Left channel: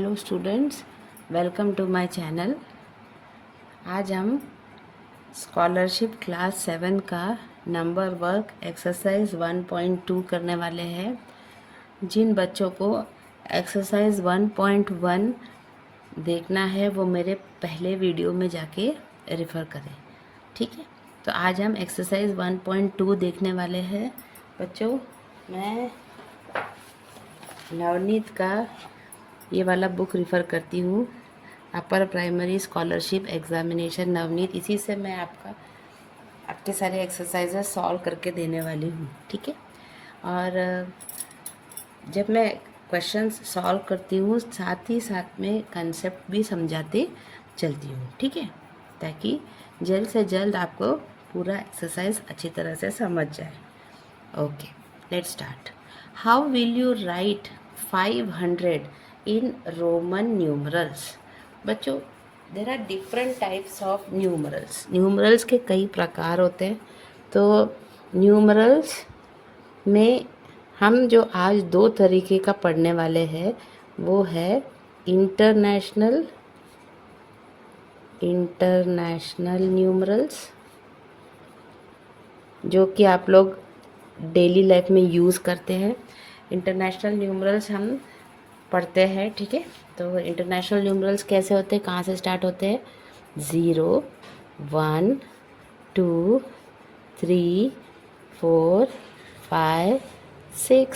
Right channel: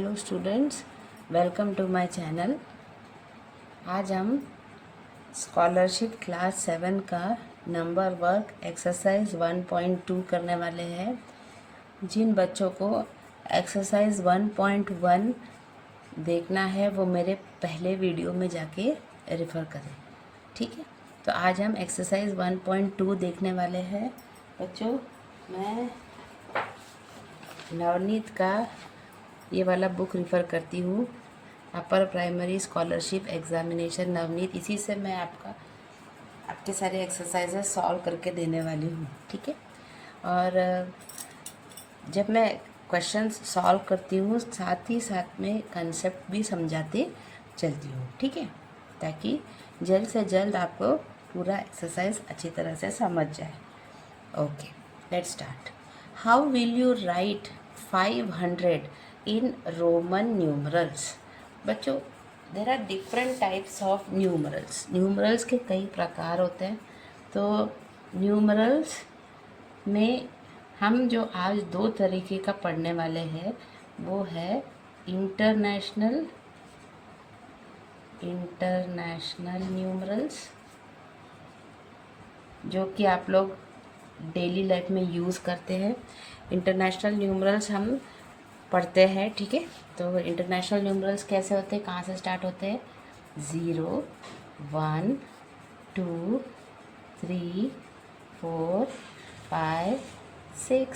Hello students, welcome to my channel. आज हम scholarship class 7 का नंबर वर्क एक्सरसाइज 1.2 करने वाले हैं। जिन बच्चों को एक्सरसाइज 1.1 देखना है वो मेरे पहले वीडियो में जाके रेफ़र करें, ठीक है। तो आज हम एक्सरसाइज 1.2 देखने वाले हैं। बच्चों, मैं नवनीत का ये वाला बुक रेफ़र करती हूँ, upper primary scholarship examination Navneet. इसी से मैं आपके सारे एक्सरसाइजेस सॉल्व करके देने वाली हूँ, ठीक है। और जब मैं क्वेश्चंस सॉल्व करती हूँ साथ ही साथ में कंसेप्ट भी समझाते चलती हूँ, ठीक है, ताकि जल्द से जल्द आपको पूरा एक्सरसाइज अच्छी तरह से समझ जाए। Okay, let's start. How will you write 500 in Roman numerals? बच्चों, there are different types of numerals. Numerals के कई प्रकार होते हैं। तो न्यूमरल्स में हम जो आज दो तरीके का पढ़ने वाले हैं वो है इंटरनेशनल न्यूमरल्स, जो कि आप लोग डेली लाइफ में यूज़ करते हैं। इंटरनेशनल न्यूमरल्स हम पढ़ते हैं, ठीक है। तो इंटरनेशनल न्यूमरल्स कैसे होते हैं, कहाँ से स्टार्ट होते हैं? 0, 1, 2, 3, 4, 5, 6,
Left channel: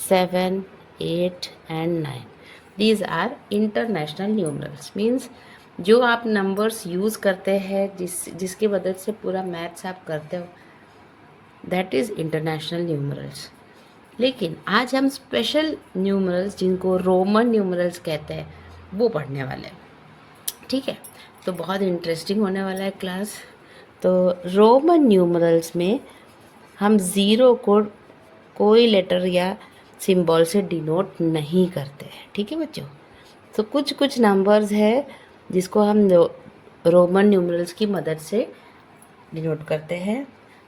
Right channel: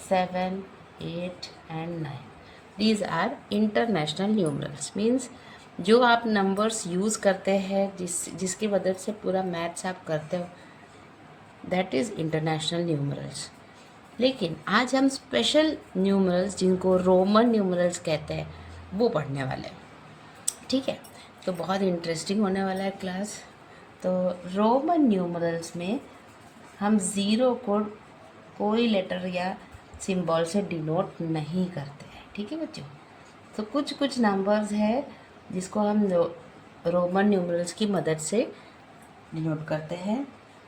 7, 8 and 9। These are international numerals. Means जो आप नंबर्स यूज़ करते हैं, जिसकी मदद से पूरा मैथ्स आप करते हो, दैट इज़ इंटरनेशनल न्यूमरल्स। लेकिन आज हम स्पेशल न्यूमरल्स, जिनको रोमन न्यूमरल्स कहते हैं, वो पढ़ने वाले हैं, ठीक है। तो बहुत इंटरेस्टिंग होने वाला है क्लास। तो रोमन न्यूमरल्स में हम ज़ीरो को कोई लेटर या सिंबल से डिनोट नहीं करते हैं, ठीक है बच्चों। तो कुछ नंबर्स है जिसको हम रोमन न्यूमरल्स की मदद से डिनोट करते हैं।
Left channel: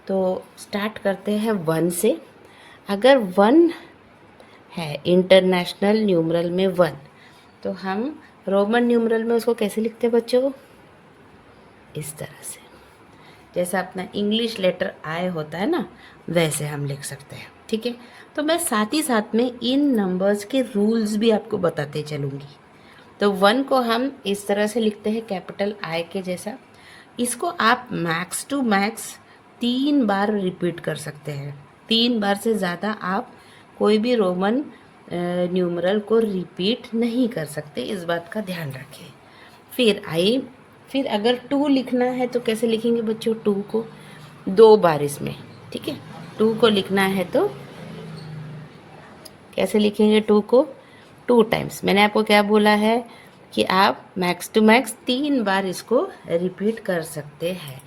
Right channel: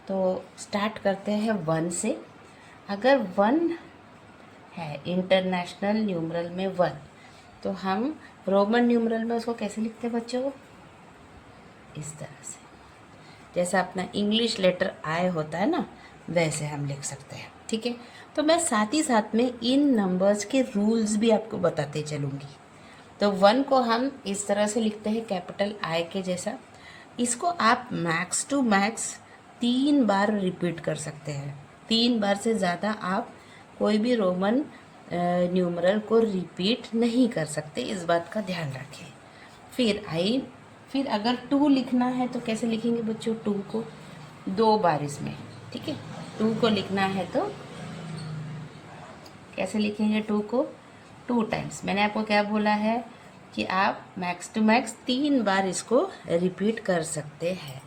तो स्टार्ट करते हैं 1 से। अगर 1 है इंटरनेशनल न्यूमरल में 1, तो हम रोमन न्यूमरल में उसको कैसे लिखते हैं बच्चों? इस तरह से, जैसा अपना इंग्लिश लेटर आई होता है ना, वैसे हम लिख सकते हैं, ठीक है। तो मैं साथ ही साथ में इन नंबर्स के रूल्स भी आपको बताते चलूँगी। तो 1 को हम इस तरह से लिखते हैं, कैपिटल आई के जैसा। इसको आप मैक्स टू मैक्स 3 बार रिपीट कर सकते हैं। 3 बार से ज़्यादा आप कोई भी रोमन न्यूमरल को रिपीट नहीं कर सकते, इस बात का ध्यान रखें। फिर अगर 2 लिखना है तो कैसे लिखेंगे बच्चों? 2 को 2 बार इसमें, ठीक है। 2 को लिखना है तो कैसे लिखेंगे? 2 को 2 टाइम्स। मैंने आपको क्या बोला है कि आप मैक्स टू मैक्स 3 बार इसको रिपीट कर सकते हैं।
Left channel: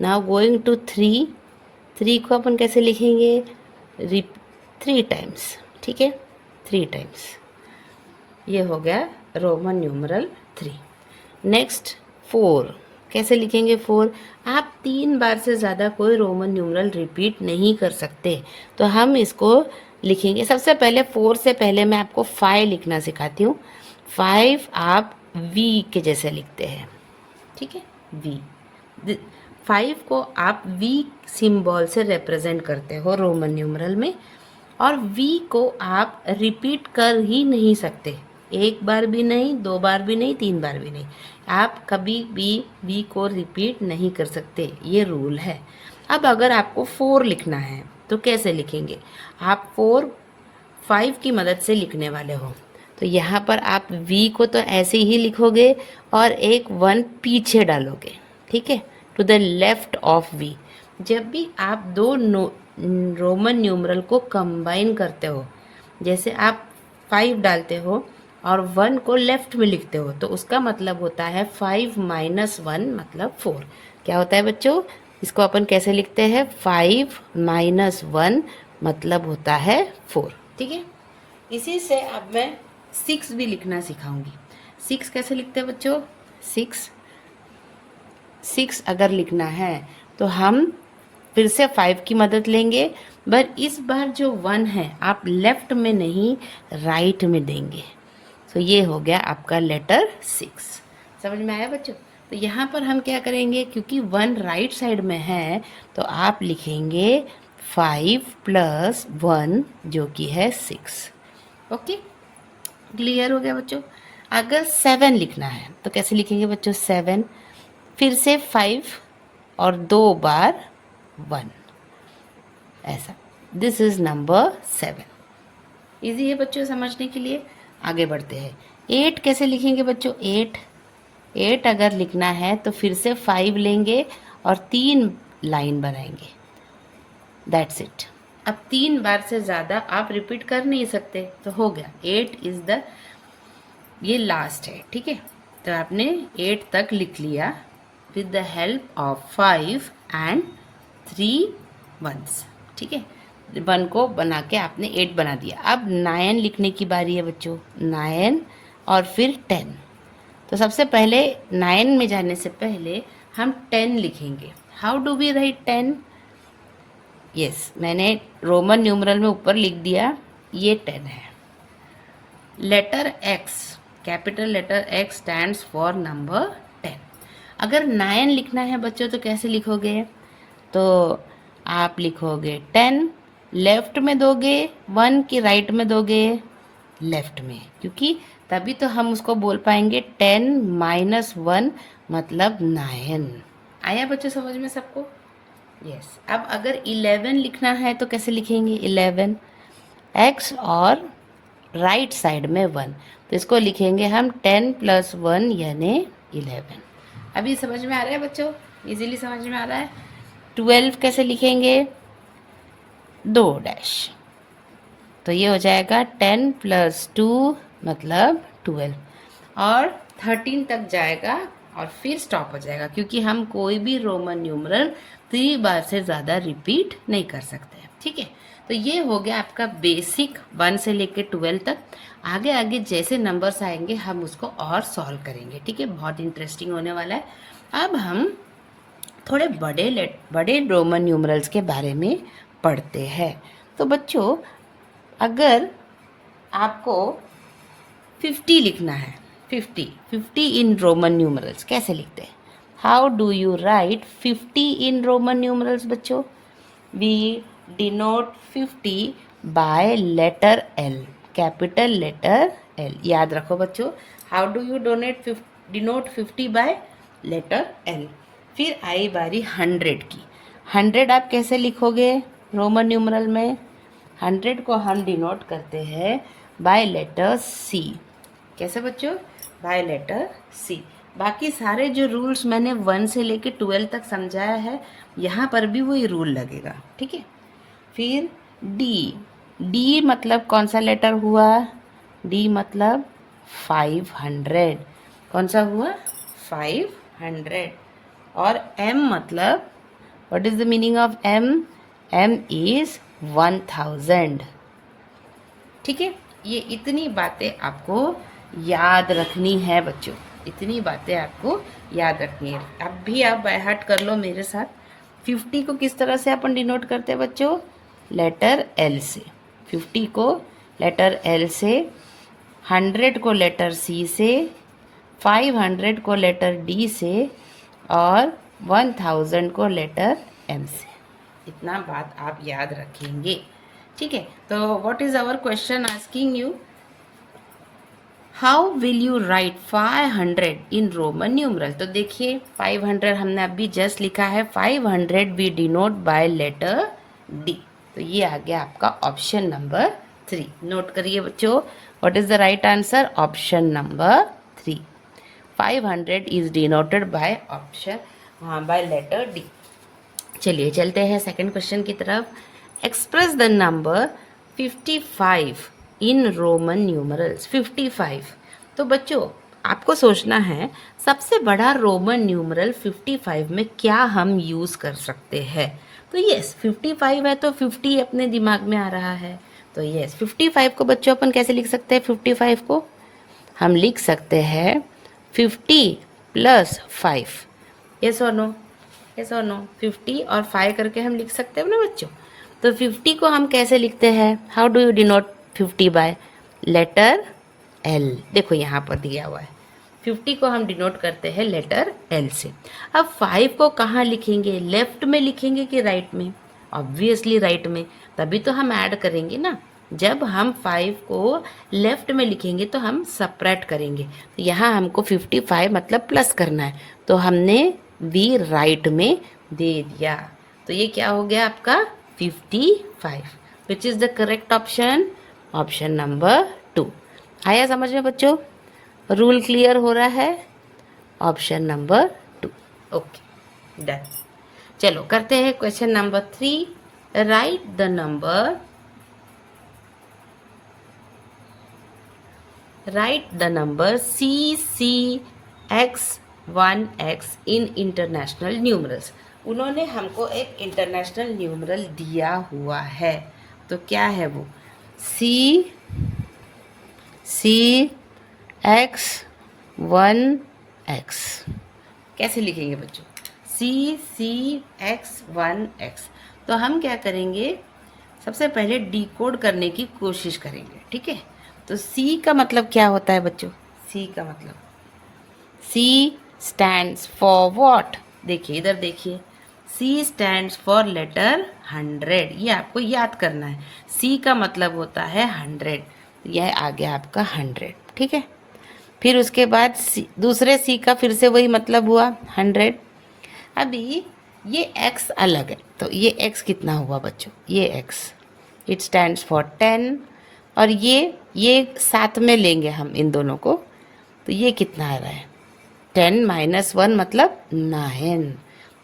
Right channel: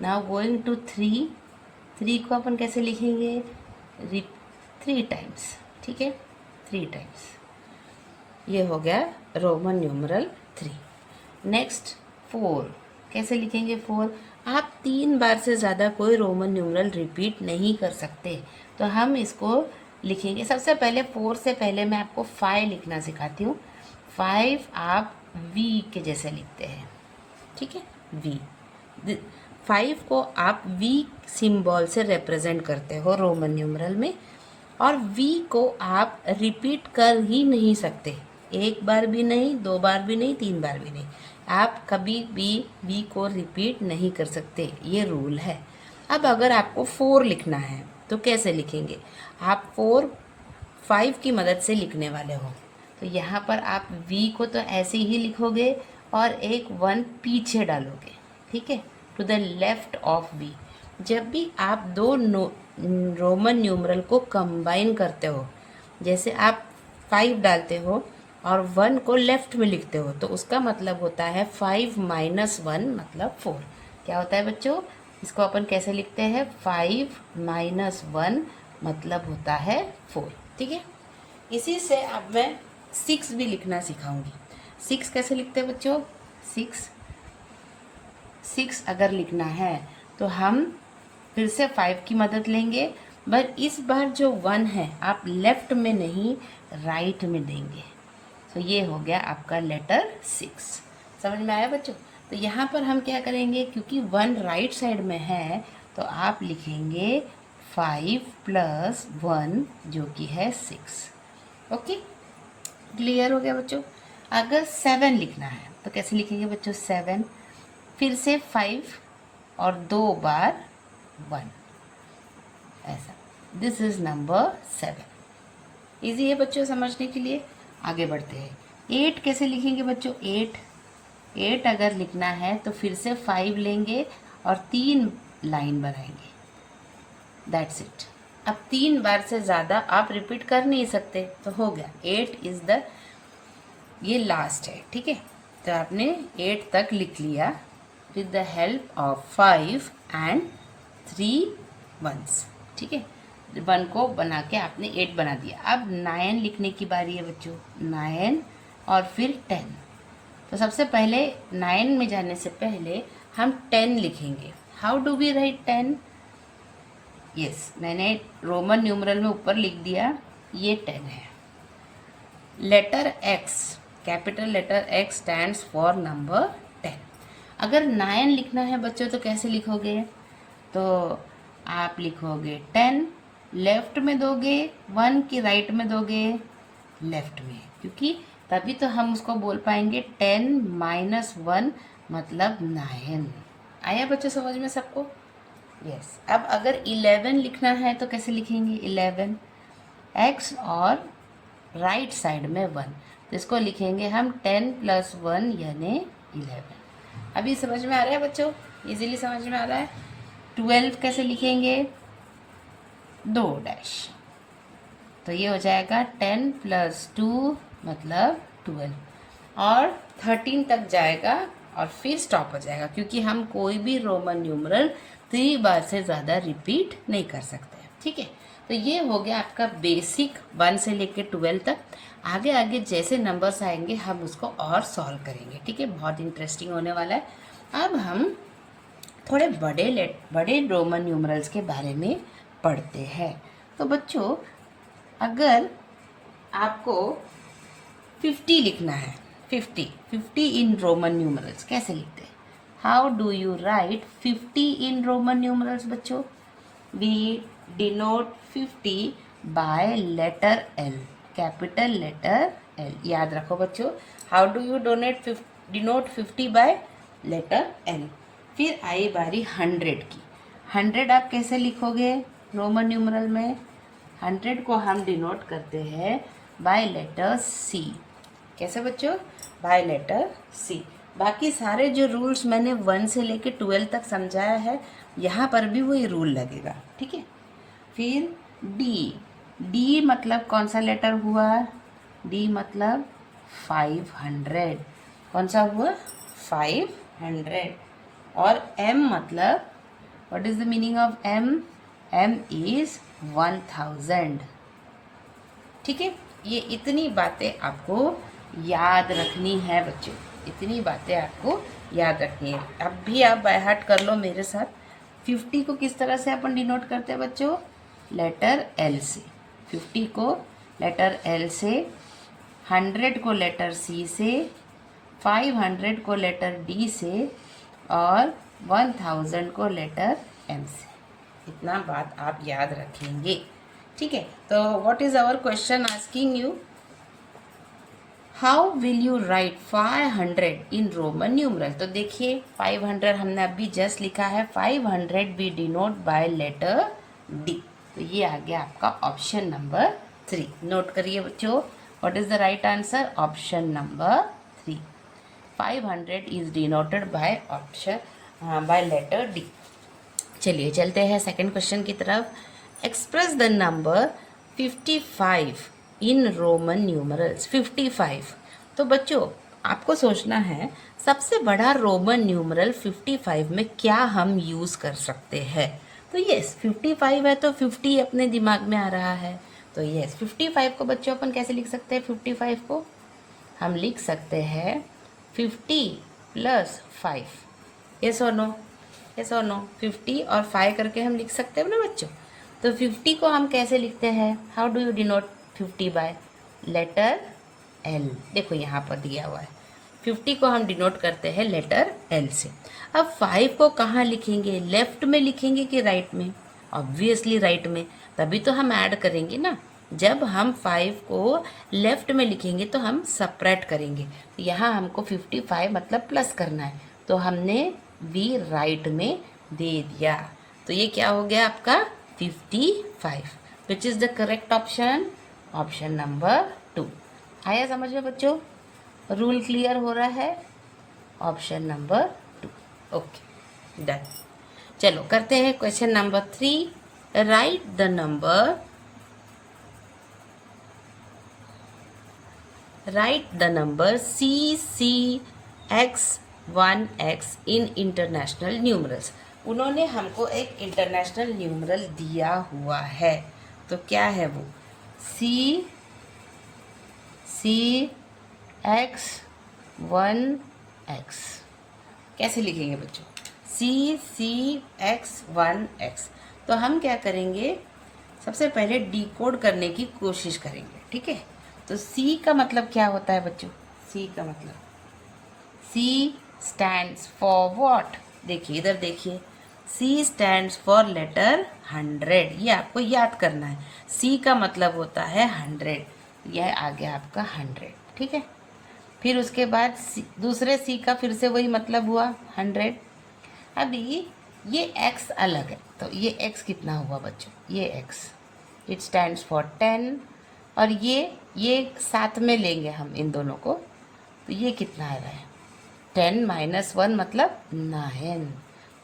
नाउ गोइंग टू 3 को अपन कैसे लिखेंगे? 3 टाइम्स, ठीक है, 3 टाइम्स। ये हो गया रोमन न्यूमरल 3। नेक्स्ट 4 कैसे लिखेंगे? 4 आप 3 बार से ज़्यादा कोई रोमन न्यूमरल रिपीट नहीं कर सकते, तो हम इसको लिखेंगे। सबसे पहले 4 से पहले मैं आपको 5 लिखना सिखाती हूँ। 5 आप वी के जैसे लिखते हैं, ठीक है, वी। 5 को आप वी सिंबल से रिप्रेजेंट करते हो रोमन न्यूमरल में, और वी को आप रिपीट कर ही नहीं सकते। 1 बार भी नहीं, 2 बार भी नहीं, 3 बार भी नहीं। आप कभी भी वी को रिपीट नहीं कर सकते, ये रूल है। अब अगर आपको 4 लिखना है तो कैसे लिखेंगे? आप 4 5 की मदद से लिखने वाले हो, तो यहाँ पर आप वी को तो ऐसे ही लिखोगे और एक 1 पीछे डालोगे, ठीक है, to the left of V. जब भी आप दो रोमन न्यूमरल को कंबाइन करते हो, जैसे आप 5 डालते हो और 1 को लेफ्ट में लिखते हो, तो उसका मतलब होता है 5 - 1 मतलब 4। क्या होता है बच्चों? इसको अपन कैसे लिखते हैं? 5 - 1 मतलब होता है 4, ठीक है। इसी से अब मैं 6 भी लिखना सिखाऊंगी। 6 कैसे लिखते हैं बच्चों? 6 अगर लिखना है तो हम फिर से 5 की मदद लेंगे, बट इस बार जो 1 है आप लेफ्ट में नहीं राइट में देंगे। सो ये हो गया आपका लेटर 6। समझ में आया बच्चों? तो यहाँ पर हम क्या करेंगे, क्योंकि 1 राइट साइड में है तो आप लिखेंगे 5 + 1 जो कि है 6। ओके, क्लियर हो गया बच्चों? अगर 7 लिखना है तो कैसे लिखेंगे बच्चों? 7 फिर से 5 और 2 बार 1, ऐसा। This is number 7। इजी है बच्चों समझने के लिए। आगे बढ़ते हैं। 8 कैसे लिखेंगे बच्चों? 8 अगर लिखना है तो फिर से 5 लेंगे और 3 लाइन बनाएंगे, दैट्स इट। अब 3 बार से ज़्यादा आप रिपीट कर नहीं सकते, तो हो गया 8 इज़ द, ये लास्ट है, ठीक है। तो आपने 8 तक लिख लिया with the help of 5 and 3 1s, ठीक है। 1 को बना के आपने 8 बना दिया। अब 9 लिखने की बारी है बच्चों। 9 और फिर 10। तो सबसे पहले 9 में जाने से पहले हम 10 लिखेंगे। How do we write 10? Yes, मैंने रोमन न्यूमरल में ऊपर लिख दिया, ये 10 है। Letter X, capital letter X stands for number 10। अगर 9 लिखना है बच्चों तो कैसे लिखोगे? तो आप लिखोगे 10, लेफ्ट में दोगे 1 की राइट में दोगे लेफ्ट में, क्योंकि तभी तो हम उसको बोल पाएंगे 10 - 1 मतलब 9। आया बच्चों समझ में सबको? यस। अब अगर 11 लिखना है तो कैसे लिखेंगे? 11 X और राइट साइड में 1, तो इसको लिखेंगे हम 10 + 1 यानी 11। अभी समझ में आ रहा है बच्चों? इजीली समझ में आ रहा है? 12 कैसे लिखेंगे? 2 डैश, तो ये हो जाएगा 10 + 2 मतलब 12, और 13 तक जाएगा और फिर स्टॉप हो जाएगा, क्योंकि हम कोई भी रोमन न्यूमरल 3 बार से ज़्यादा रिपीट नहीं कर सकते, ठीक है। तो ये हो गया आपका बेसिक 1 से लेके 12 तक। आगे आगे जैसे नंबर्स आएंगे हम उसको और सॉल्व करेंगे, ठीक है। बहुत इंटरेस्टिंग होने वाला है। अब हम थोड़े बड़े रोमन न्यूमरल्स के बारे में पढ़ते हैं। तो बच्चों, अगर आपको 50 लिखना है, 50 इन रोमन न्यूमरल्स कैसे लिखते हैं? How do you write 50 in Roman numerals बच्चों? We denote 50 by letter L, capital letter L। याद रखो बच्चों, how do you denote 50 by letter L। फिर आई बारी 100 की। 100 आप कैसे लिखोगे रोमन न्यूमरल में? 100 को हम डिनोट करते हैं बाय लेटर C। कैसे बच्चों? By letter C। बाकी सारे जो रूल्स मैंने 1 से लेके 12 तक समझाया है, यहाँ पर भी वही रूल लगेगा, ठीक है। फिर D मतलब कौन सा लेटर हुआ? D मतलब 500। कौन सा हुआ? 500। और M मतलब, what is the meaning of M? M is 1000, ठीक है। ये इतनी बातें आपको याद रखनी है बच्चों, इतनी बातें आपको याद रखनी है। अब भी आप बाय हार्ट कर लो मेरे साथ। 50 को किस तरह से अपन डिनोट करते हैं बच्चों? लेटर L से। 50 को लेटर L से, 100 को लेटर C से, 500 को लेटर D से, और 1000 को लेटर M से। इतना बात आप याद रखेंगे, ठीक है। तो what is our question asking you? How will you write 500 in Roman numeral? तो देखिए 500 हमने अभी जस्ट लिखा है, 500 we denote by letter D। तो ये आ गया आपका ऑप्शन नंबर 3। नोट करिए बच्चों, what is the right answer? Option number 3। 500 is denoted by by letter D। चलिए चलते हैं सेकंड क्वेश्चन की तरफ। Express the number 55 in Roman numerals. 55। तो बच्चों आपको सोचना है सबसे बड़ा रोमन न्यूमरल 55 में क्या हम यूज़ कर सकते हैं। तो यस, 55 है तो 50 अपने दिमाग में आ रहा है। तो यस, 55 को बच्चों अपन कैसे लिख सकते हैं? 55 को हम लिख सकते हैं 50 + 5। यस और नो? यस और नो? 50 और 5 करके हम लिख सकते हैं ना बच्चों। तो 50 को हम कैसे लिखते हैं? How do you denote 50 by? Letter L, देखो यहाँ पर दिया हुआ है 50 को हम डिनोट करते हैं लेटर एल से। अब 5 को कहाँ लिखेंगे, लेफ्ट में लिखेंगे कि राइट में? ऑब्वियसली राइट में, तभी तो हम ऐड करेंगे ना। जब हम 5 को लेफ्ट में लिखेंगे तो हम सपरेट करेंगे। तो यहाँ हमको 55 मतलब प्लस करना है, तो हमने वी राइट में दे दिया। तो ये क्या हो गया आपका 55, which is the correct option, option number 2। आया समझ में बच्चों? रूल क्लियर हो रहा है? Option number 2। Okay done. चलो करते हैं question number 3। Right the number, right the number CCX1X in international numerals. उन्होंने हमको एक इंटरनेशनल न्यूमरल दिया हुआ है, तो क्या है वो? CCX1X कैसे लिखेंगे बच्चों? CCX1X। तो हम क्या करेंगे, सबसे पहले डिकोड करने की कोशिश करेंगे, ठीक है? तो C का मतलब क्या होता है बच्चों? C का मतलब, C स्टैंड्स फॉर व्हाट? देखिए इधर देखिए, C स्टैंड्स फॉर लेटर 100। ये आपको याद करना है। C का मतलब होता है 100, यह आ गया आपका 100, ठीक है? फिर उसके बाद दूसरे C का फिर से वही मतलब हुआ 100। अभी ये X अलग है, तो ये X कितना हुआ बच्चों? ये X इट स्टैंड्स फॉर 10, और ये साथ में लेंगे हम इन दोनों को, तो ये कितना आ रहा है? 10 माइनस 1 मतलब 9।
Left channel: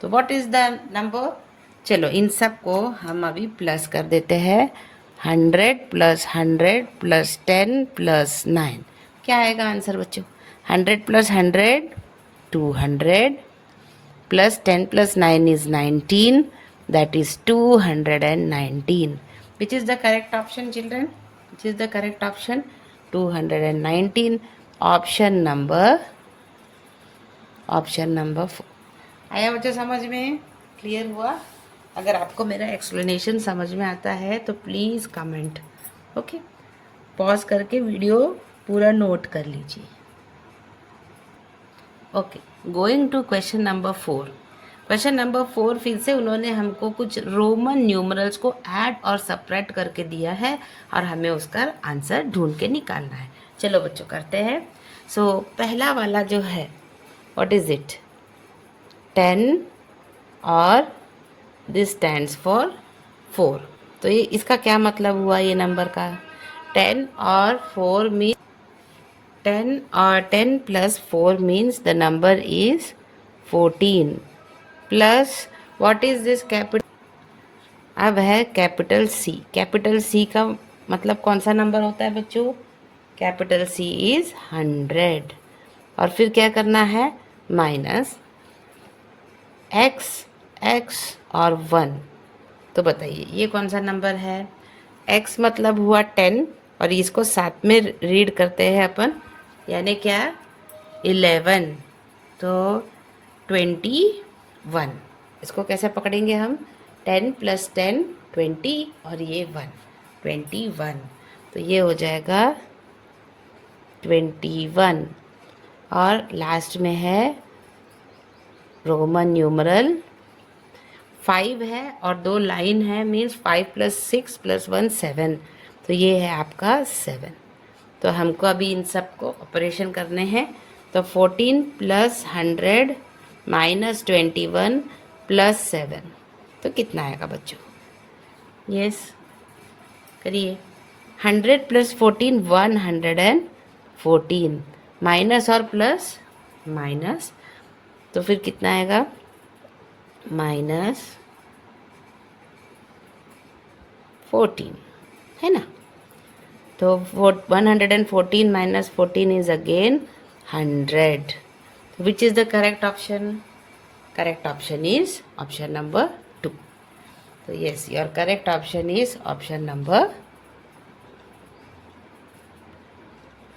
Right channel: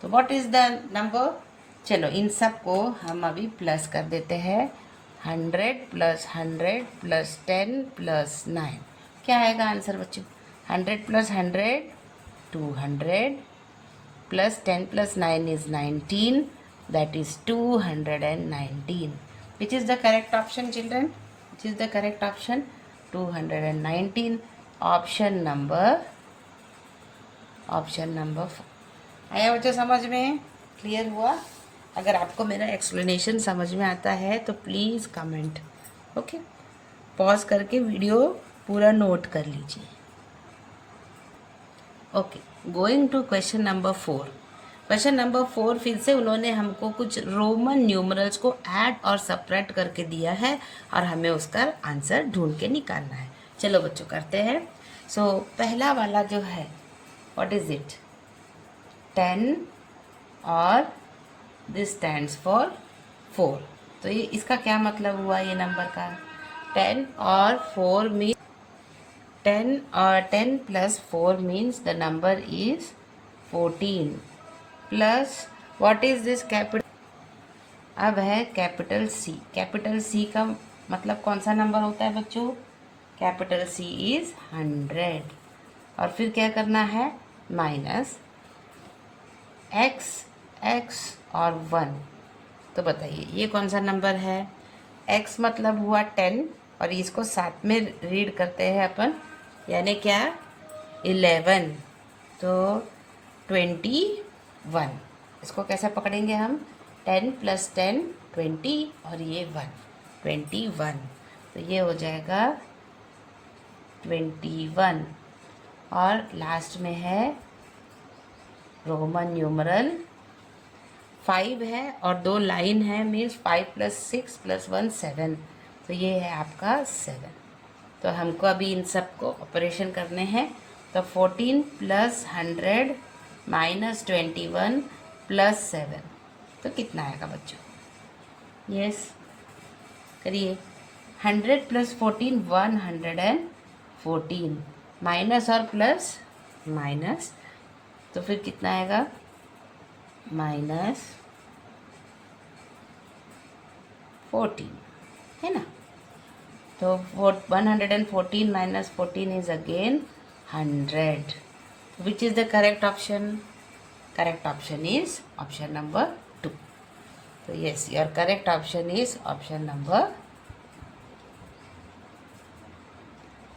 तो व्हाट इज़ द नंबर? चलो इन सब को हम अभी प्लस कर देते हैं। 100 प्लस 100 प्लस 10 प्लस 9, क्या आएगा आंसर बच्चों? 100 plus 100 200 plus 10 plus 9 is 19, that is 219. Which is the correct option children? Which is the correct option? 219, option number 4। आया बच्चों समझ में? क्लियर हुआ? अगर आपको मेरा एक्सप्लेनेशन समझ में आता है तो प्लीज़ कमेंट, ओके? पॉज करके वीडियो पूरा नोट कर लीजिए। Okay, going to question number 4। Question number 4 फिर से उन्होंने हमको कुछ रोमन न्यूमरल्स को ऐड और सपरेट करके दिया है, और हमें उसका आंसर ढूंढ के निकालना है। चलो बच्चों करते हैं। सो पहला वाला जो है, व्हाट इज़ इट? 10 और दिस स्टैंड्स फॉर 4। तो ये इसका क्या मतलब हुआ ये नंबर का? 10 और 4 मीन 10 और 10 plus 4 means the number is 14, plus what is this capital? अब है कैपिटल C। कैपिटल C का मतलब कौन सा नंबर होता है बच्चों? Capital C is 100। और फिर क्या करना है? माइनस x और 1। तो बताइए ये कौन सा नंबर है? x मतलब हुआ 10, और इसको साथ में रीड करते हैं अपन, यानी क्या? 11। तो 21। इसको कैसे पकड़ेंगे हम? 10 प्लस 10 20, और ये 1 21। तो ये हो जाएगा 21। और लास्ट में है रोमन न्यूमरल 5 है, और 2 लाइन है, मीन्स 5 प्लस 6 प्लस 1 7। तो ये है आपका 7। तो हमको अभी इन सब को ऑपरेशन करने हैं। तो 14 प्लस 100 माइनस 21 प्लस 7, तो कितना आएगा बच्चों? यस करिए। 100 प्लस 14 114, माइनस और प्लस माइनस, तो फिर कितना आएगा? माइनस 14, है ना? तो 114 minus 14 is again 100। Which is the correct option? Correct option is option number 2। तो yes, your correct option is option number,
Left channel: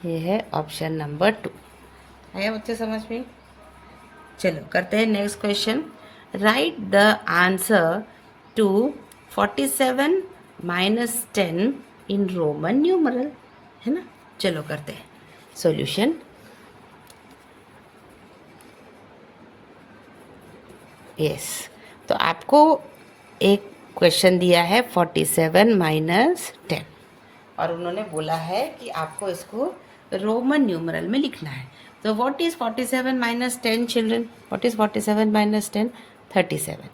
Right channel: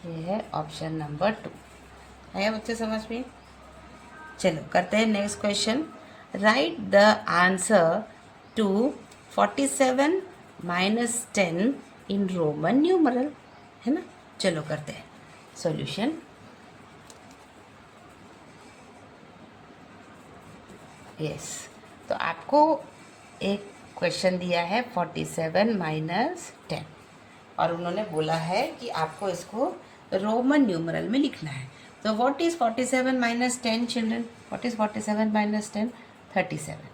ये है ऑप्शन नंबर 2। है बच्चे समझ में? चलो करते हैं next question. Write the answer to 47 minus 10 in Roman numeral, है ना? चलो करते हैं। सॉल्यूशन। यस, तो आपको एक क्वेश्चन दिया है 47 माइनस 10 और उन्होंने बोला है कि आपको इसको रोमन न्यूमरल में लिखना है। तो what is 47 minus 10 children? What is 47 minus 10? 37।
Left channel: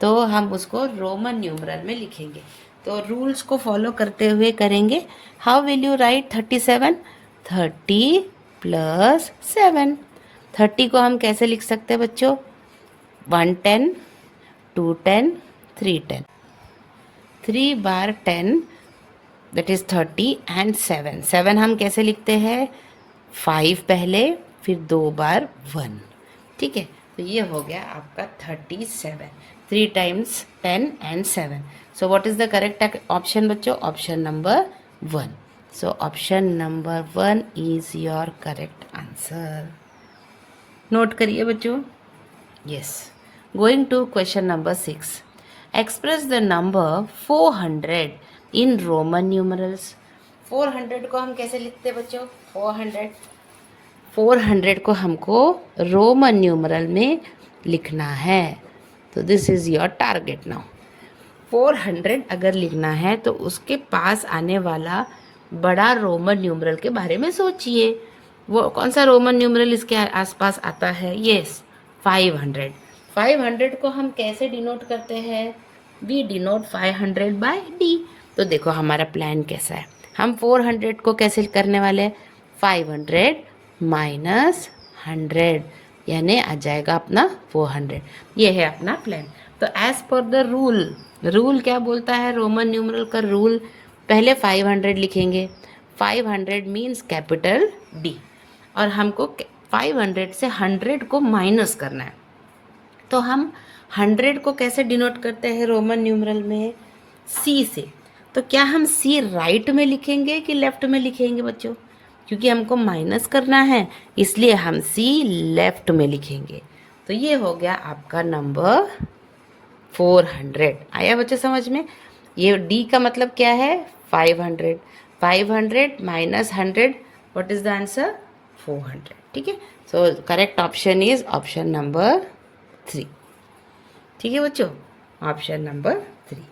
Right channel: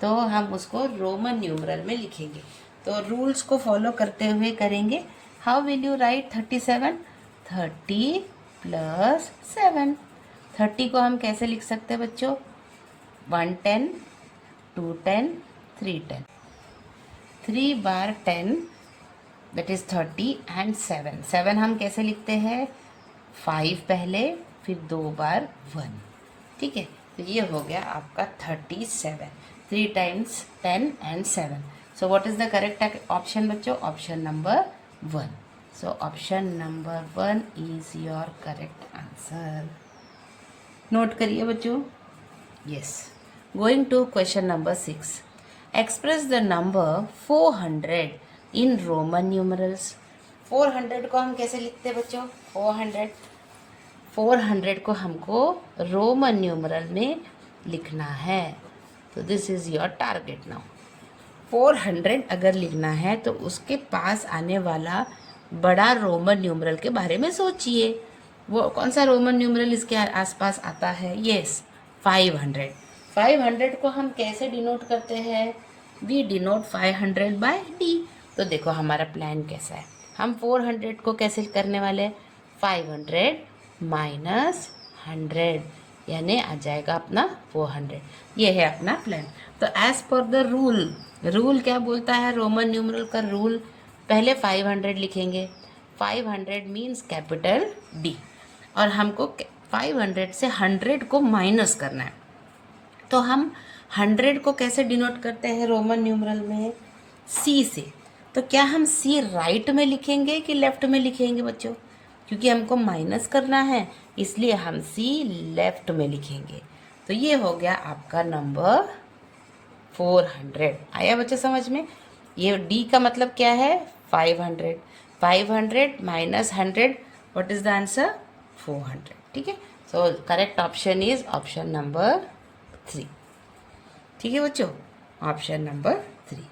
तो हम उसको रोमन न्यूमरल में लिखेंगे। तो रूल्स को फॉलो करते हुए करेंगे। How will you right 37? 30 plus 7। 30 को हम कैसे लिख सकते हैं बच्चों? 110, 210, 310। 3 बार 10 दैट इज़ 30 एंड 7। 7 हम कैसे लिखते हैं? 5 पहले, फिर 2 बार 1। ठीक है, तो ये हो गया आपका 37। 3 times 10 and 7। So what is the correct option बच्चों? Option number 1। So option number 1 is your correct answer. Note करिए बच्चों। Yes, going to question number 6। Express the number 400 in Roman numerals. 400 को हम कैसे लिखते हैं बच्चों? 400 को हमको रोमन न्यूमरल में लिखना है। तो this is your target now. 400 अगर लिखना है तो उसके पास आने वाला बड़ा रोमन न्यूमरल के बारे में सोचिए। वो कौन सा रोमन न्यूमरल इसके आसपास आता है? यस, 500। 500 को हम कैसे डिनोट करते हैं? We denote 500 by D. तो देखो हमारा प्लान कैसा है। हम 400 को कैसे करने वाले हैं? 500 माइनस 100 यानी आ जाएगा अपना 400। ये है अपना प्लान। तो एज पर द रूल क्या बोलता है? रोमन न्यूमरल का रूल, पहले 500 लिखेंगे। 500 मीन्स कैपिटल डी, और हमको 500 से 100 को माइनस करना है। तो हम 100 को कैसे डिनोट करते हैं रोमन न्यूमरल में? सी से। तो क्या हम सी राइट में लिखेंगे कि लेफ्ट में लिखेंगे बच्चों? क्योंकि हमको माइनस करना है इसलिए हम सी लेफ्ट में लिखेंगे। तो ये हो गया आपका नंबर 400। आया बच्चों समझ में? ये डी का मतलब क्या है? 500। 500 minus 100, what is the answer? 400। ठीक है, so correct option is option number 3। ठीक है बच्चों, option number 3।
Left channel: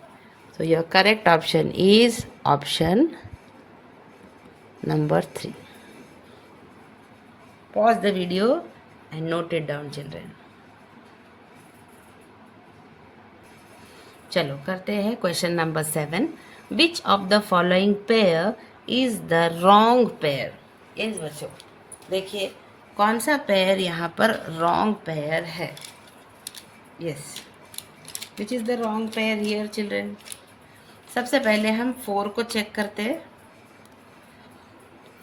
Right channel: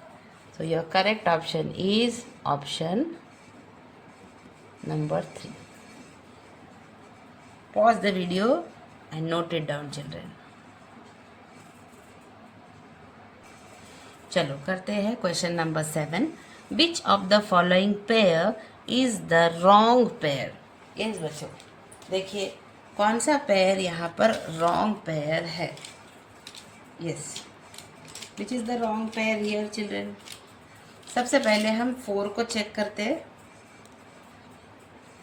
So your correct option is option number 3। Pause the video and note it down children. चलो करते हैं question number 7। Which of the following pair is the wrong pair? इन बच्चों देखिए कौन सा पेयर यहाँ पर रॉन्ग पेयर है? Yes, which is the wrong pair here children? सबसे पहले हम 4 को चेक करते हैं।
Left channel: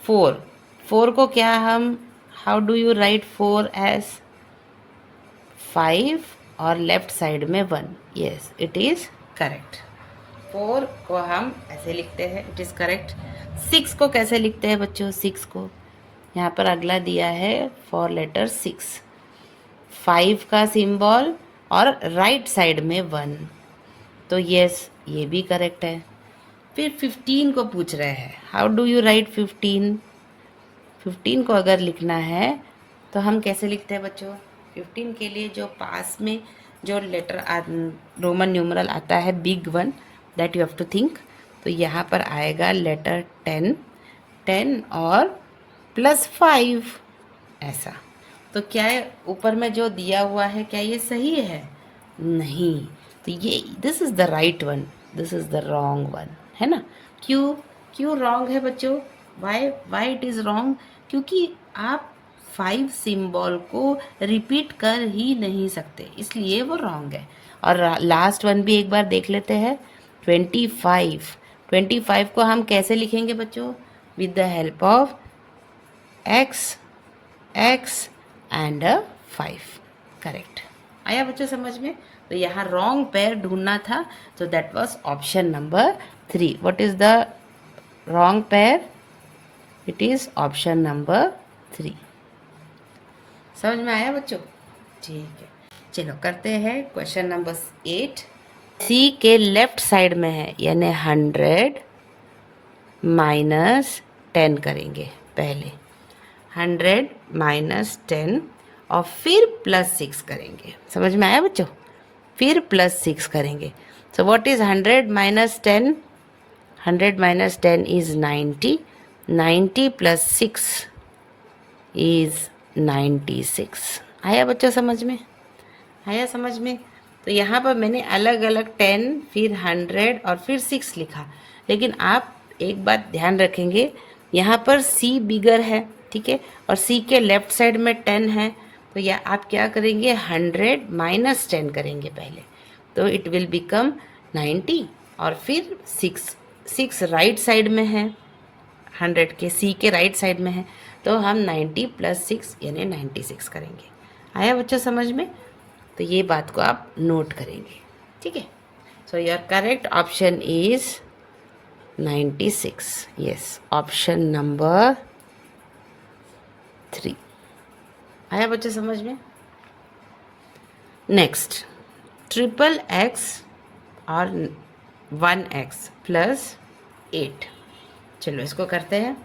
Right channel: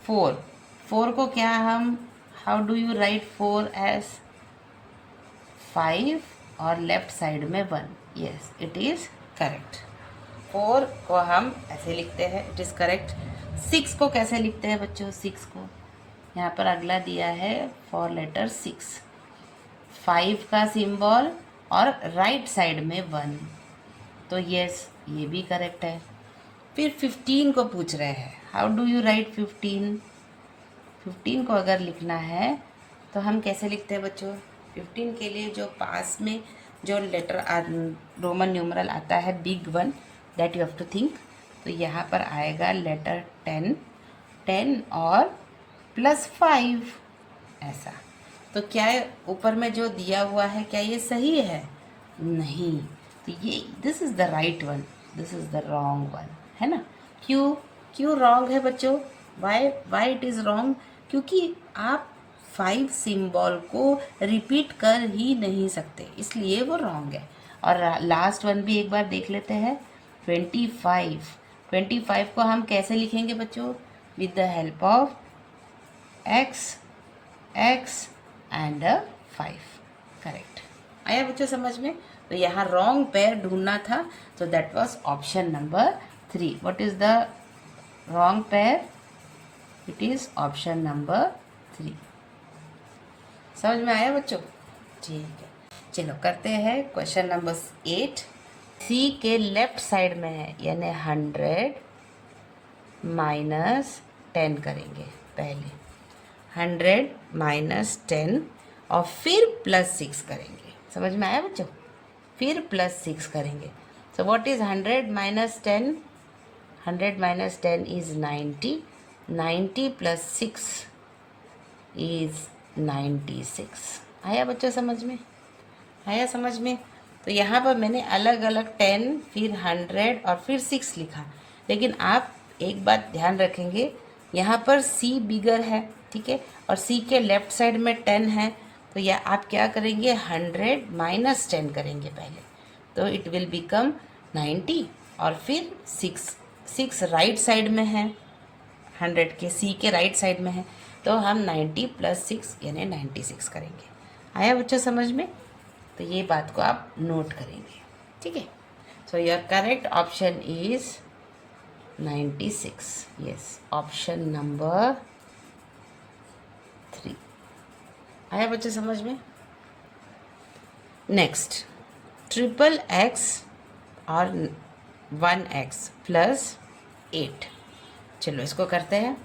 4 को क्या हम, how do you write 4 as 5 और लेफ्ट साइड में 1? Yes, it is correct. 4 को हम ऐसे लिखते हैं, इट इज़ करेक्ट। 6 को कैसे लिखते हैं बच्चों? 6 को यहाँ पर अगला दिया है 4 लेटर 6, 5 का सिंबल और राइट साइड में 1, तो यस ये भी करेक्ट है। फिर 15 को पूछ रहे हैं, हाउ डू यू राइट 15? 15 को अगर लिखना है तो हम कैसे लिखते हैं बच्चों? 15 के लिए जो पास में जो लेटर रोमन न्यूमरल आता है big one, that you have to think. तो यहाँ पर आएगा लेटर 10 और प्लस 5 ऐसा। तो क्या ऊपर में जो दिया हुआ है क्या ये सही है? नहीं, तो ये this is the right one, this is the wrong one, है ना? क्यों रॉन्ग है बच्चों? Why it is wrong? क्योंकि आप 5 सिंबल को रिपीट कर ही नहीं सकते, इसलिए वो रॉन्ग है। और लास्ट वन भी एक बार देख लेते हैं, 25 को हम कैसे लिखेंगे बच्चों? With the help of x and 5। Correct, आया बच्चों समझ में? तो यहाँ रॉन्ग पेयर ढूंढना था, तो that was option number 3। What is the wrong pair? It is option number 3। समझ में आया बच्चों? ठीक है, चलो करते हैं क्वेश्चन नंबर 8। सी के लेफ्ट साइड में है यानी 100 माइनस 10 करेंगे पहले। 100 माइनस 10 और फिर प्लस 6 करेंगे। समझ में आया बच्चों? फिर प्लस 6 करेंगे। So what is 100 minus 10? 100 minus 10 is 90। 90 plus 6 is 96। आया बच्चों समझ में? आया समझ में? तो यहाँ पर मैंने अलग अलग 10 फिर 100 और फिर 6 लिखा, लेकिन आप एक बात ध्यान रखेंगे, यहाँ पर C बिगर है, ठीक है, और C के लेफ्ट साइड में 10 है, तो या आप क्या करेंगे 100 माइनस 10 करेंगे पहले, तो इट विल बिकम 90 और फिर 6 राइट साइड में है, 100 के C के राइट साइड में है, तो हम 90 प्लस 6 यानी 96 करेंगे। आया बच्चों समझ में? तो ये बात को आप नोट करेंगे, ठीक है। सो your correct option is 96। Yes, option number 3। आया बच्चों समझ में? नेक्स्ट, ट्रिपल एक्स और 1x प्लस 8। चलो इसको करते हैं।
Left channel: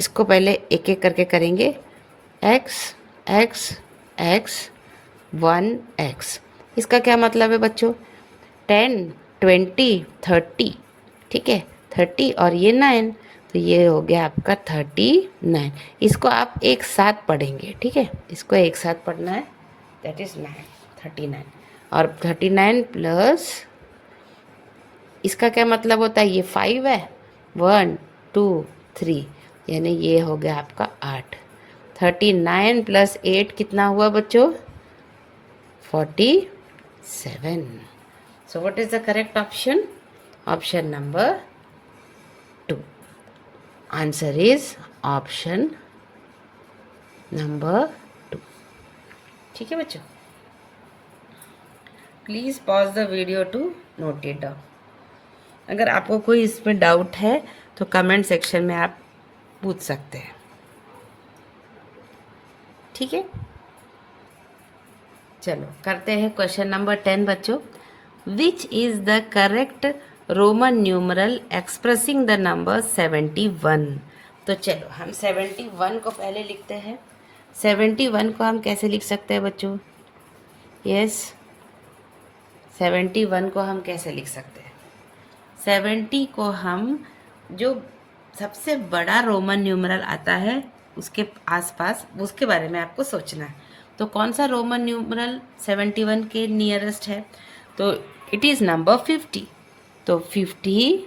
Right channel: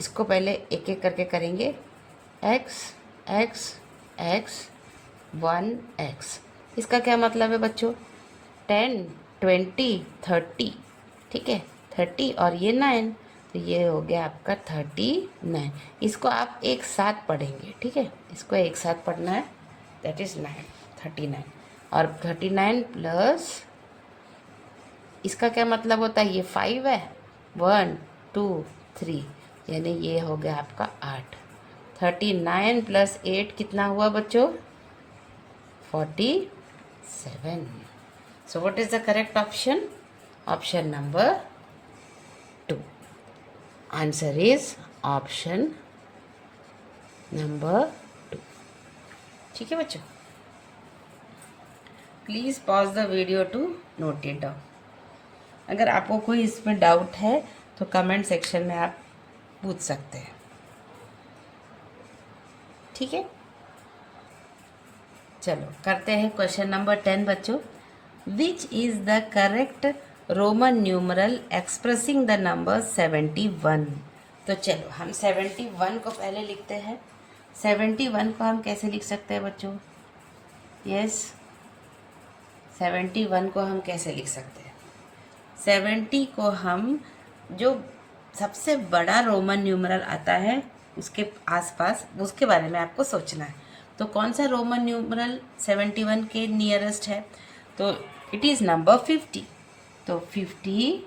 इसको पहले एक एक करके करेंगे। x x x 1x, इसका क्या मतलब है बच्चों? 10 20 30, ठीक है, 30 और ये 9, तो ये हो गया आपका 39। इसको आप एक साथ पढ़ेंगे, ठीक है, इसको एक साथ पढ़ना है, दैट इज 9 39। और 39 प्लस इसका क्या मतलब होता है? ये 5 है, 1 2 3, यानी ये हो गया आपका 8। 39 प्लस 8 कितना हुआ बच्चों? 47। So what is the correct option? Option number 2. Answer is option number 2. ठीक है बच्चों? Please pause the video to note it down. अगर आपको कोई इसमें डाउट है तो कमेंट सेक्शन में आप पूछ सकते हैं, ठीक है। चलो करते हैं क्वेश्चन नंबर 10 बच्चों। विच is the correct Roman numeral expressing the number 71। तो चलो हम 71 को पहले लिखते हैं। 71 को हम कैसे लिख सकते हैं बच्चों? यस, 71 को हम कैसे लिख सकते हैं? 70 को हम, जो सबसे बड़ा रोमन न्यूमरल आता है उसके आसपास, उसके बारे में आपको सोचना है। तो कौन सा रोमन न्यूमरल 71 के नियरेस्ट है? तो इट इज़ नंबर 50। तो 50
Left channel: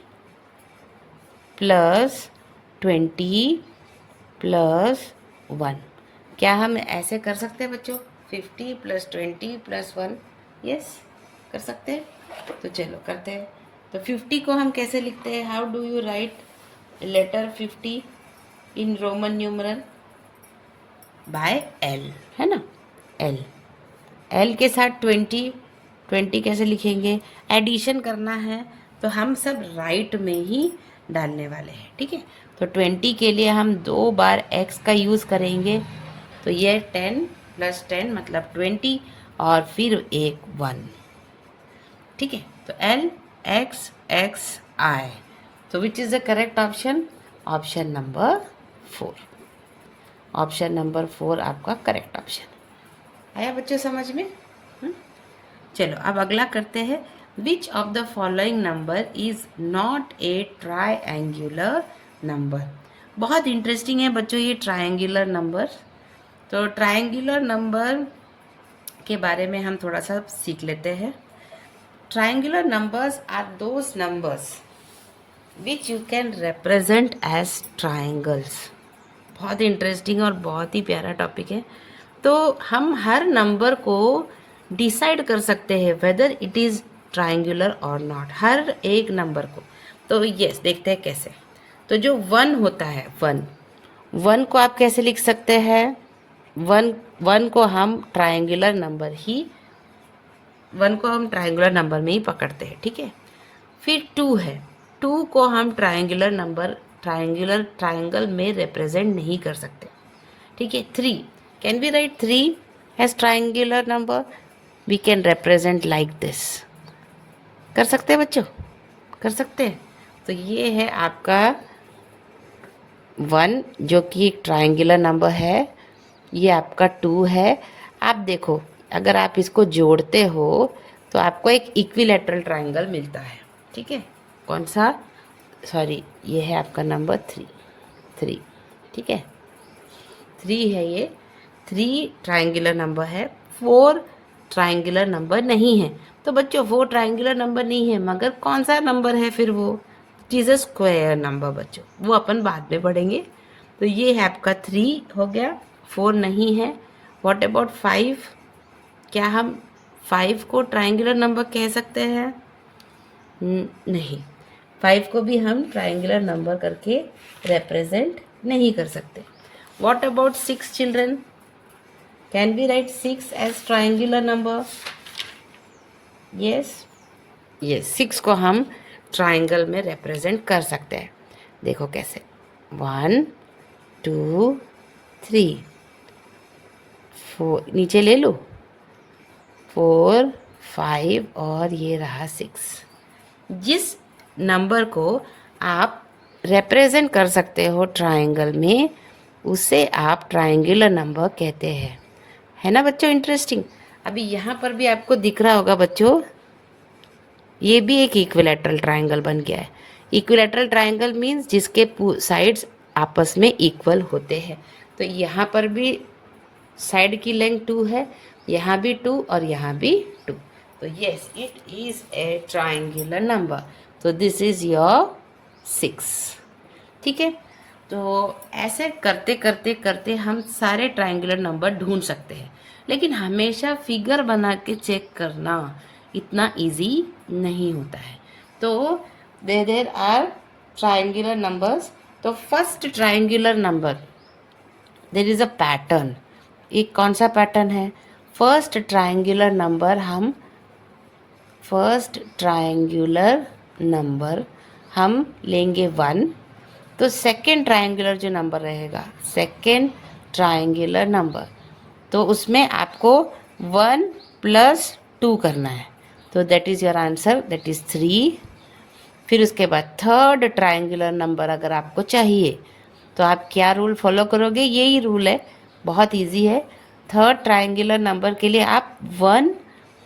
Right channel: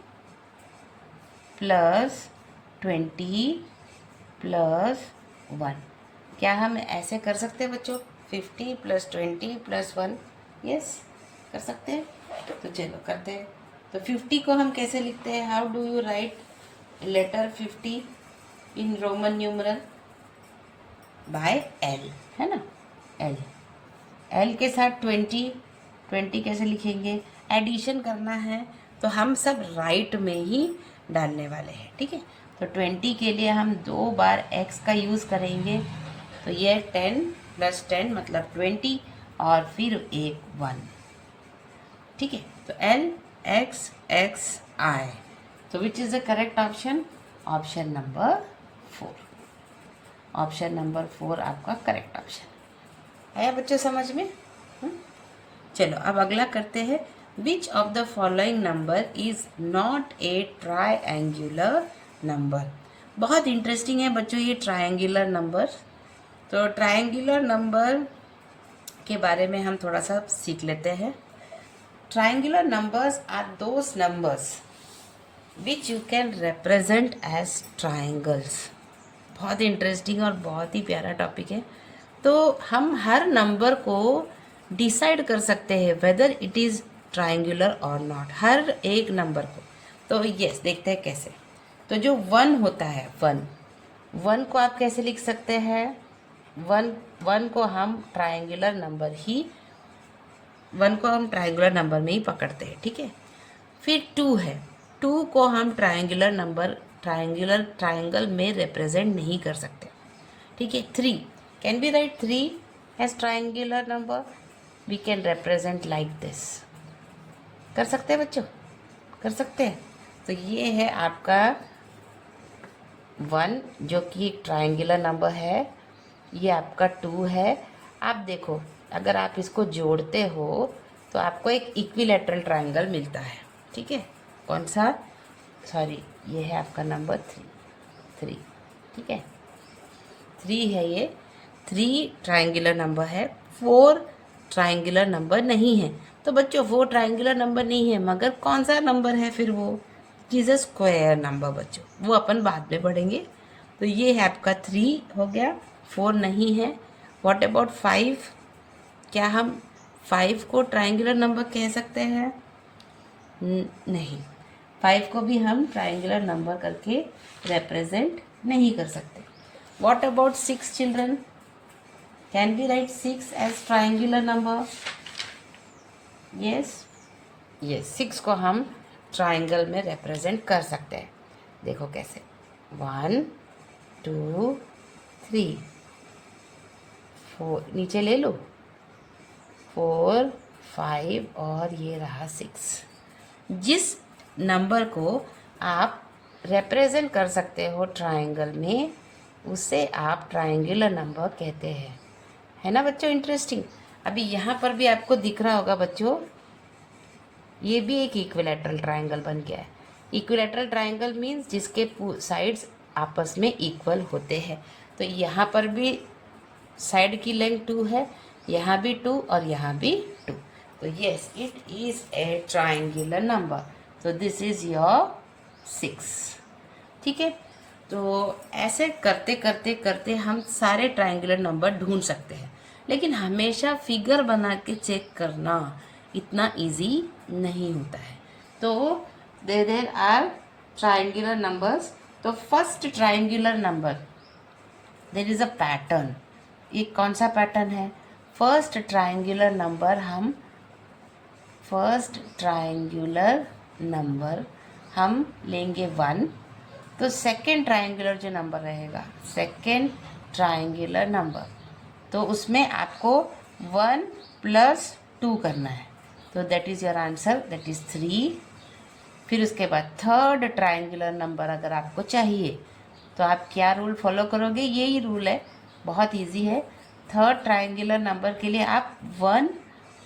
प्लस 20 प्लस 1, क्या हम ऐसे कर सकते हैं बच्चों? 50 प्लस 20 प्लस 1, यस कर सकते हैं। तो चलो करते हैं। तो 50 को हम कैसे लिखते हैं? How do you write letter 50 in Roman numeral? By L, है ना, L के साथ 20 कैसे लिखेंगे? एडिशन करना है तो हम सब राइट में ही डालने वाले हैं, ठीक है। तो 20 के लिए हम 2 बार x का यूज़ करेंगे, तो ये 10 प्लस 10 मतलब 20 और फिर एक 1, ठीक है। तो L x x I, तो which is the correct option? Option number 4। Option number 4 आपका करेक्ट ऑप्शन। आया बच्चों समझ में? चलो अब अगला करते हैं। Which of the following number is not a triangular number. बहुत इंटरेस्टिंग है बच्चों ये ट्राइएंगुलर नंबर। तो ट्राइएंगुलर नंबर के बारे में हम थोड़ा सा सीख लेते हैं। Triangular numbers are those numbers which you can represent as triangles. बहुत इंटरेस्टिंग और बहुत ही प्यारा टॉपिक है। तो हम हर नंबर को डिसाइड कर सकते हैं वेदर इट इज़ ट्राइंगुलर और नॉट, हर एक नंबर को। तो यस देखते हैं कैसे। तो जो 1 होता है, 1 को आप कैसे लिख सकते हैं? 1 को हम ट्राइंगुलर नंबर ही, 1 को हम ट्राइंगुलर नंबर में ही पकड़ते हैं, ठीक है। फिर 2 है, 2 को हम ट्राइंगुलर नंबर, ट्राइंगल में रिप्रेजेंट नहीं कर सकते, ठीक है। 3, can be write 3 as triangular number? We can represent like this. कर सकते हैं बच्चों? कर सकते हैं। तो ये है आपका 1 जो कि एक ट्रायंगुलर नंबर है, ये आपका 2 है। आप देखो अगर आप इसको जोड़ते हो तो आपको एक इक्विलैटरल ट्रायंगल मिलता है, ठीक है। कौन सा, सॉरी ये है आपका नंबर 3, ठीक है। 3 है ये, 3 ट्रायंगुलर नंबर है, 4 ट्रायंगुलर नंबर नहीं है। तो बच्चों 4 ट्रायंगुलर नंबर नहीं है, मगर कौन सा नंबर है फिर वो, it is a square number बच्चों, वो अपन बाद में पढ़ेंगे। तो ये है आपका 3 हो गया, 4 नहीं है। व्हाट अबाउट 5, क्या हम 5 को ट्रायंगुलर नंबर कह सकते हैं? नहीं, 5 को भी हम ट्रायंगुलर नंबर करके रिप्रेजेंट नहीं कर सकते। What about 6 children, can we write 6 as triangular number? Yes, yes, 6 को हम ट्रायंगल में रिप्रेजेंट कर सकते हैं। देखो कैसे, 1 2 3 4, नीचे ले लो, 4 5 और ये रहा 6। जिस नंबर को आप रिप्रेजेंट कर सकते हो ट्रायंगल में, उसे आप ट्रायंगुलर नंबर कहते हैं, है ना बच्चों। इंटरेस्टिंग। अभी यहाँ पर भी आपको दिख रहा होगा बच्चों, ये भी एक इक्विलैटरल ट्रायंगल बन गया है। इक्विलैटरल ट्रायंगल मीन्स जिसके साइड्स आपस में इक्वल होते हैं। तो यहाँ पर भी साइड की लेंथ 2 है, यहाँ भी 2 और यहाँ भी 2। तो yes, it is a triangular number. तो दिस इज योर 6, ठीक है। तो ऐसे करते करते करते हम सारे ट्रायंगुलर नंबर ढूंढ सकते हैं, लेकिन हमेशा फिगर बना के चेक करना इतना इजी नहीं होता है। तो देयर आर ट्रायंगुलर नंबर्स। तो first triangular number, there is a pattern. एक कौन सा पैटर्न है? फर्स्ट ट्रायंगुलर नंबर हम लेंगे 1। तो सेकेंड ट्रायंगुलर जो नंबर रहेगा, सेकेंड ट्रायंगुलर नंबर, तो उसमें आपको 1 + 2 करना है। तो that is your answer, that is 3। फिर उसके बाद थर्ड ट्रायंगुलर नंबर अगर आपको चाहिए तो आप क्या रूल फॉलो करोगे? यही रूल है, बहुत इजी है। थर्ड ट्रायंगुलर नंबर के लिए आप 1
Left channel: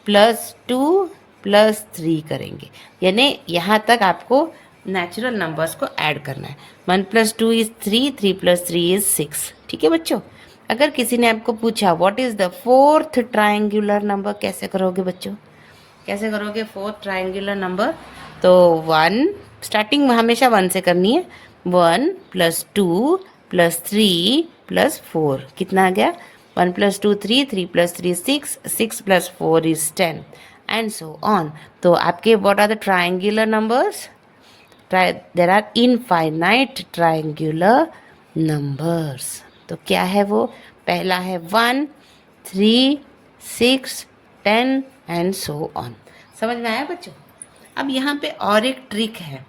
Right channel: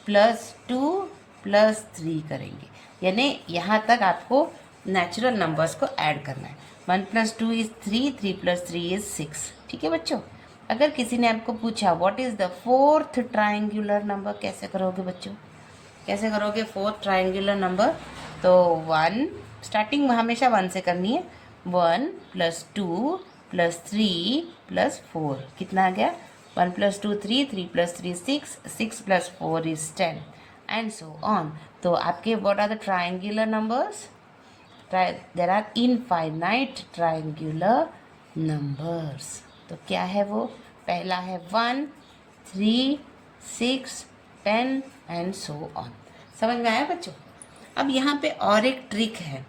+ 2 + 3 करेंगे, यानी यहाँ तक आपको नेचुरल नंबर्स को ऐड करना है। 1 + 2 इज़ 3, 3 + 3 इज़ 6, ठीक है बच्चों। अगर किसी ने आपको पूछा what is the fourth triangular number, कैसे करोगे बच्चों? कैसे करोगे फोर्थ ट्रायंगुलर नंबर? तो 1, स्टार्टिंग में हमेशा 1 से करनी है। 1 + 2 + 3 + 4, कितना आ गया? 1 + 2 3, 3 + 3 6, 6 + 4 इज 10 एंड सो ऑन। तो आपके what are the triangular numbers? There are infinite triangular numbers. तो क्या है वो? पहला है 1, 3, 6, 10 एंड सो ऑन। समझ में आया बच्चों? अब यहाँ पे और एक ट्रिक है।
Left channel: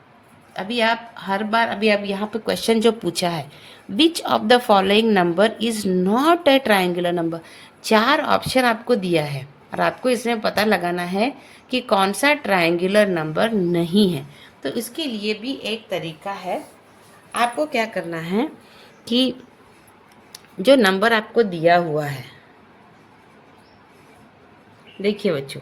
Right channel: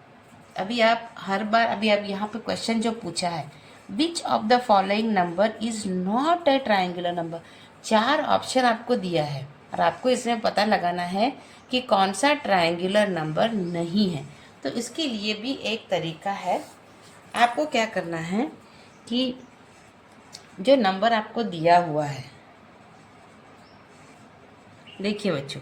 अभी आप हर बार, अभी आप यहाँ पे क्वेश्चन जो पूछा है, विच of the following number is not a triangular number, 4 option आपको दिया है और आपको इसमें पता लगाना है कि कौन सा ट्रायंगुलर नंबर नहीं है। तो इसके लिए भी एक तरीका है। आपको क्या करना है कि जो नंबर आपको दिया हुआ है, देखिए बच्चों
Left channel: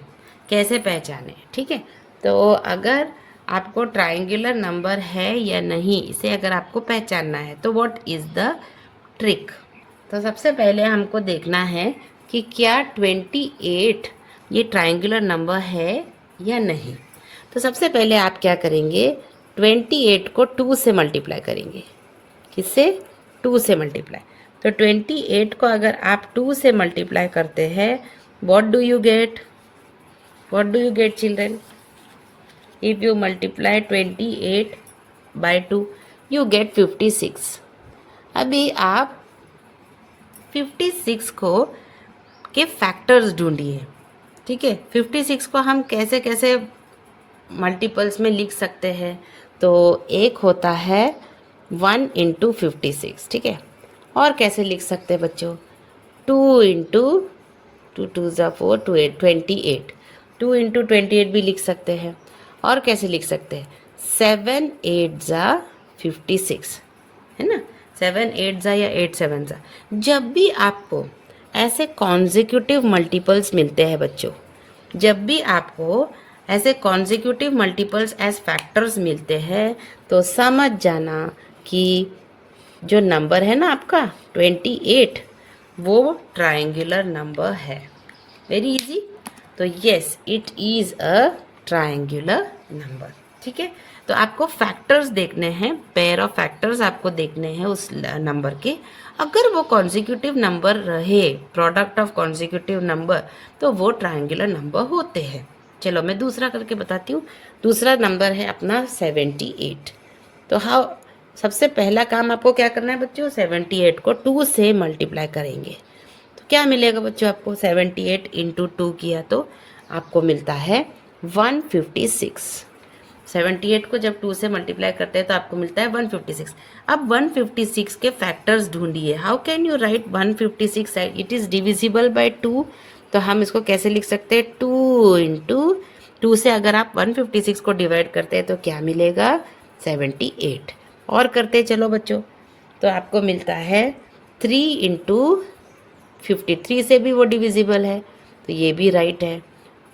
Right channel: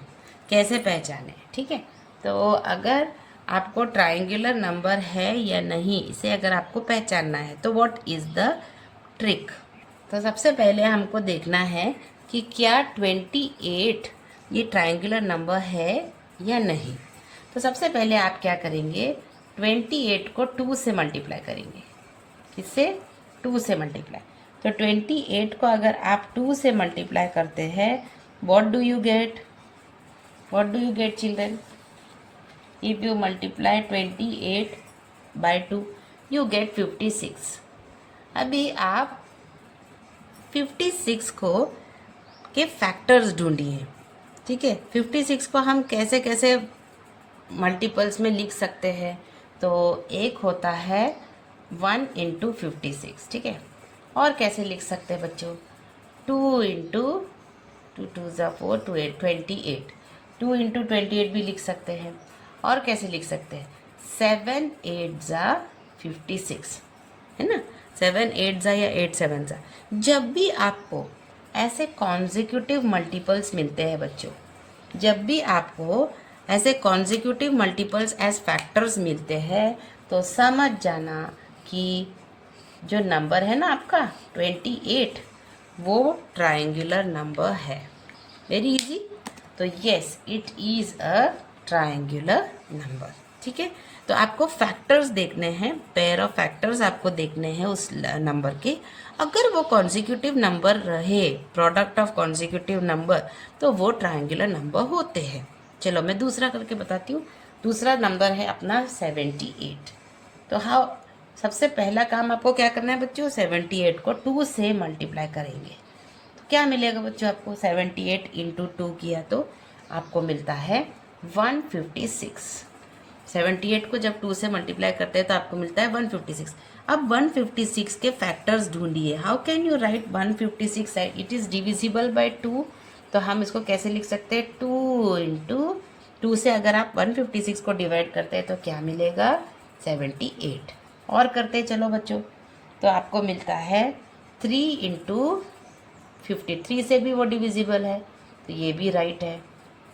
कैसे पहचाने, ठीक है। तो अगर आपको ट्रायंगुलर नंबर है या नहीं, इसे अगर आपको पहचानना है तो व्हाट इज़ द ट्रिक? तो सबसे पहले हमको देखना है कि क्या 28 ये ट्रायंगुलर नंबर है या नहीं। तो सबसे पहले आप क्या करेंगे? 28 को 2 से मल्टीप्लाई करेंगे। किससे? 2 से मल्टीप्लाई। तो 28 को अगर आप 2 से मल्टीप्लाई करते हैं, what do you get? What do you get children? If you multiply 28 by 2, you get 56. अभी आप 56 को के फैक्टर्स ढूंढिए, ठीक है। 56 को हम कैसे कैसे मल्टीपल्स में लिख सकते हैं? तो एक होता है 1 × 56, ठीक है। और कैसे लिख सकते हैं बच्चों? 2 × 2 2 ज़ा 4 2 8 28, 2 × 28 भी लिख सकते हैं। और कैसे लिख सकते हैं? 7 8 ज़ा 56, है ना। 7 8 जा या 8 7 जा, जब भी आपको ऐसे कॉन्जिक्यूटिव मल्टीपल्स मिलते हैं बच्चों, जब भी आपको ऐसे कॉन्जिक्यूटिव मल्टीपल्स एज फैक्टर्स मिलते हैं, तो समझ जाना कि जो नंबर है ना आपका 28, वो ट्रायंगुलर नंबर है। Very easy. तो yes, it is a triangular number. ठीक है, तो आपको फैक्टर्स देखने हैं, पेयर ऑफ फैक्टर्स आपको देखने हैं उस नंबर के। अगर वो कॉन्जिक्यूटिव नंबर रहे, प्रोडक्ट ऑफ कॉन्जिक्यूटिव नंबर, तो वो ट्रायंगुलर नंबर होते हैं। चलो मैं दूसरा करके बताती हूँ। दूसरा नंबर है अपना 78। तो हाँ, सबसे पहला काम आपको क्या करना है बच्चों, 78 को 2 से मल्टीप्लाई करेंगे। तो क्या मिलेगा बच्चों आपको, 78 इंटू 2 किया तो आपको मिलता है 156। 78 को जब 2 से मल्टीप्लाई करते हैं तो आपको मिलता है 156। अब 156 के फैक्टर्स ढूंढिए। How can you right 156? It is divisible by 2। तो हम इसको कैसे लिख सकते हैं, 2 इंटू 2 से अगर आप 156 को डिवाइड करते हैं तो क्या मिलेगा, 78। और करते चलो बच्चों, तो आपको मिलता है 3 इंटू 53 से भी वो डिविजिबल है, तो ये भी राइट है।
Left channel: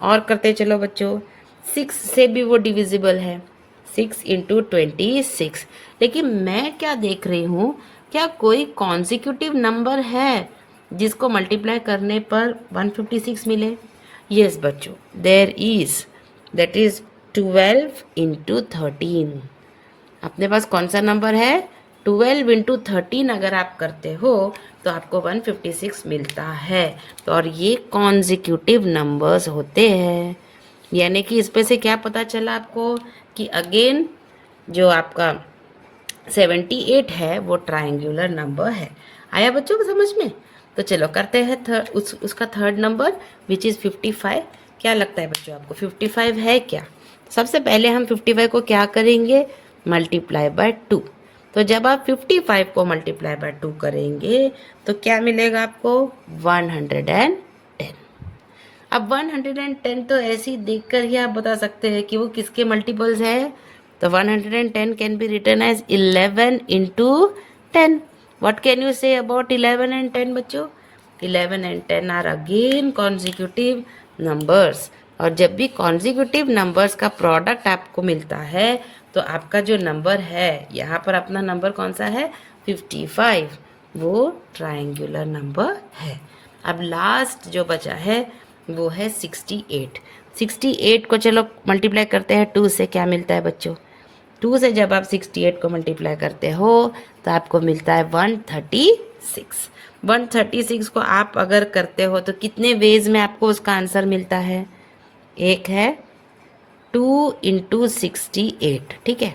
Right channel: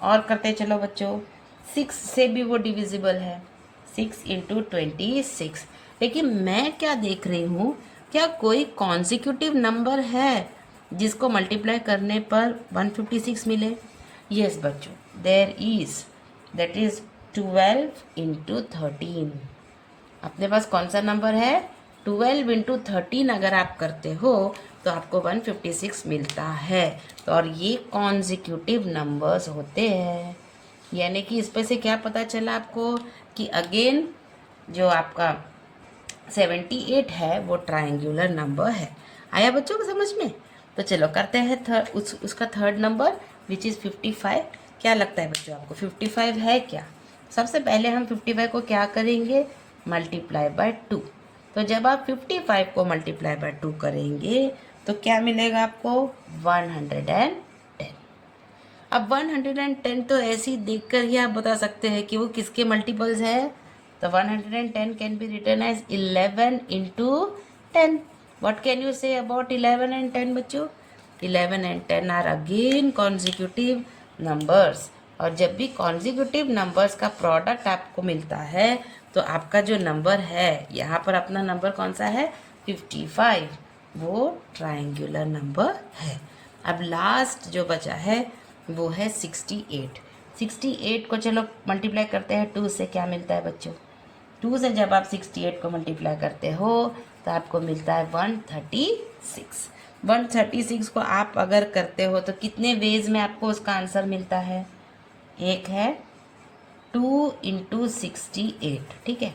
और करते चलो बच्चों, 6 से भी वो डिविजिबल है, 6 इंटू 26। लेकिन मैं क्या देख रही हूँ, क्या कोई कॉन्जिक्यूटिव नंबर है जिसको मल्टीप्लाई करने पर 156 मिले? यस बच्चों, there is, that is 12 into 13। अपने पास कौन सा नंबर है, 12 इंटू 13 अगर आप करते हो तो आपको 156 मिलता है। तो और ये कॉन्जिक्यूटिव नंबर्स होते हैं। यानी कि इस पे से क्या पता चला आपको कि अगेन जो आपका 78 है वो ट्रायंगुलर नंबर है। आया बच्चों को समझ में? तो चलो करते हैं उसका थर्ड नंबर विच इज़ 55। क्या लगता है बच्चों आपको 55 है क्या? सबसे पहले हम 55 को क्या करेंगे, मल्टीप्लाई बाय 2। तो जब आप 55 को मल्टीप्लाई बाय 2 करेंगे तो क्या मिलेगा आपको, 110। अब 110 तो ऐसे ही देख कर ही आप बता सकते हैं कि वो किसके मल्टीपल्स है। तो 110 can be written as 11 into 10। What can you say about 11 and 10 बच्चों? 11 and 10 are again consecutive numbers. और जब भी कॉन्जिक्यूटिव नंबर्स का प्रोडक्ट आपको मिलता है तो आपका जो नंबर है, यहाँ पर अपना नंबर कौन सा है, 55, वो ट्रायंगुलर नंबर है। अब लास्ट जो बचा है वो है 68। 68 को चलो मल्टीप्लाई करते हैं 2 से, क्या मिलता है बच्चों, 2 से जब आप 68 को मल्टीप्लाई करते हो तो आपको मिलता है 136। 136 को आप अगर करते हो तो कितने वेज में आपको उसका आंसर मिलता है, एक है 2 इंटू 68, ठीक है,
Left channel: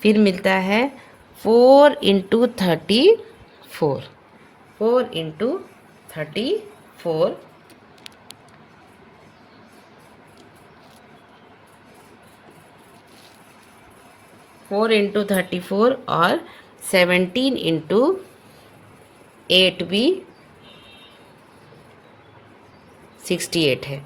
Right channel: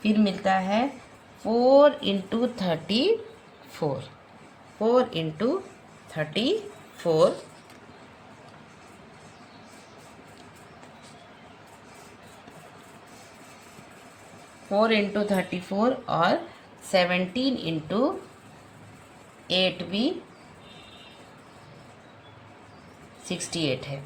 फिर मिलता है 4 इंटू 34, 4 इंटू 34, 4 इंटू 34 और 17 इंटू 8 भी 68 है।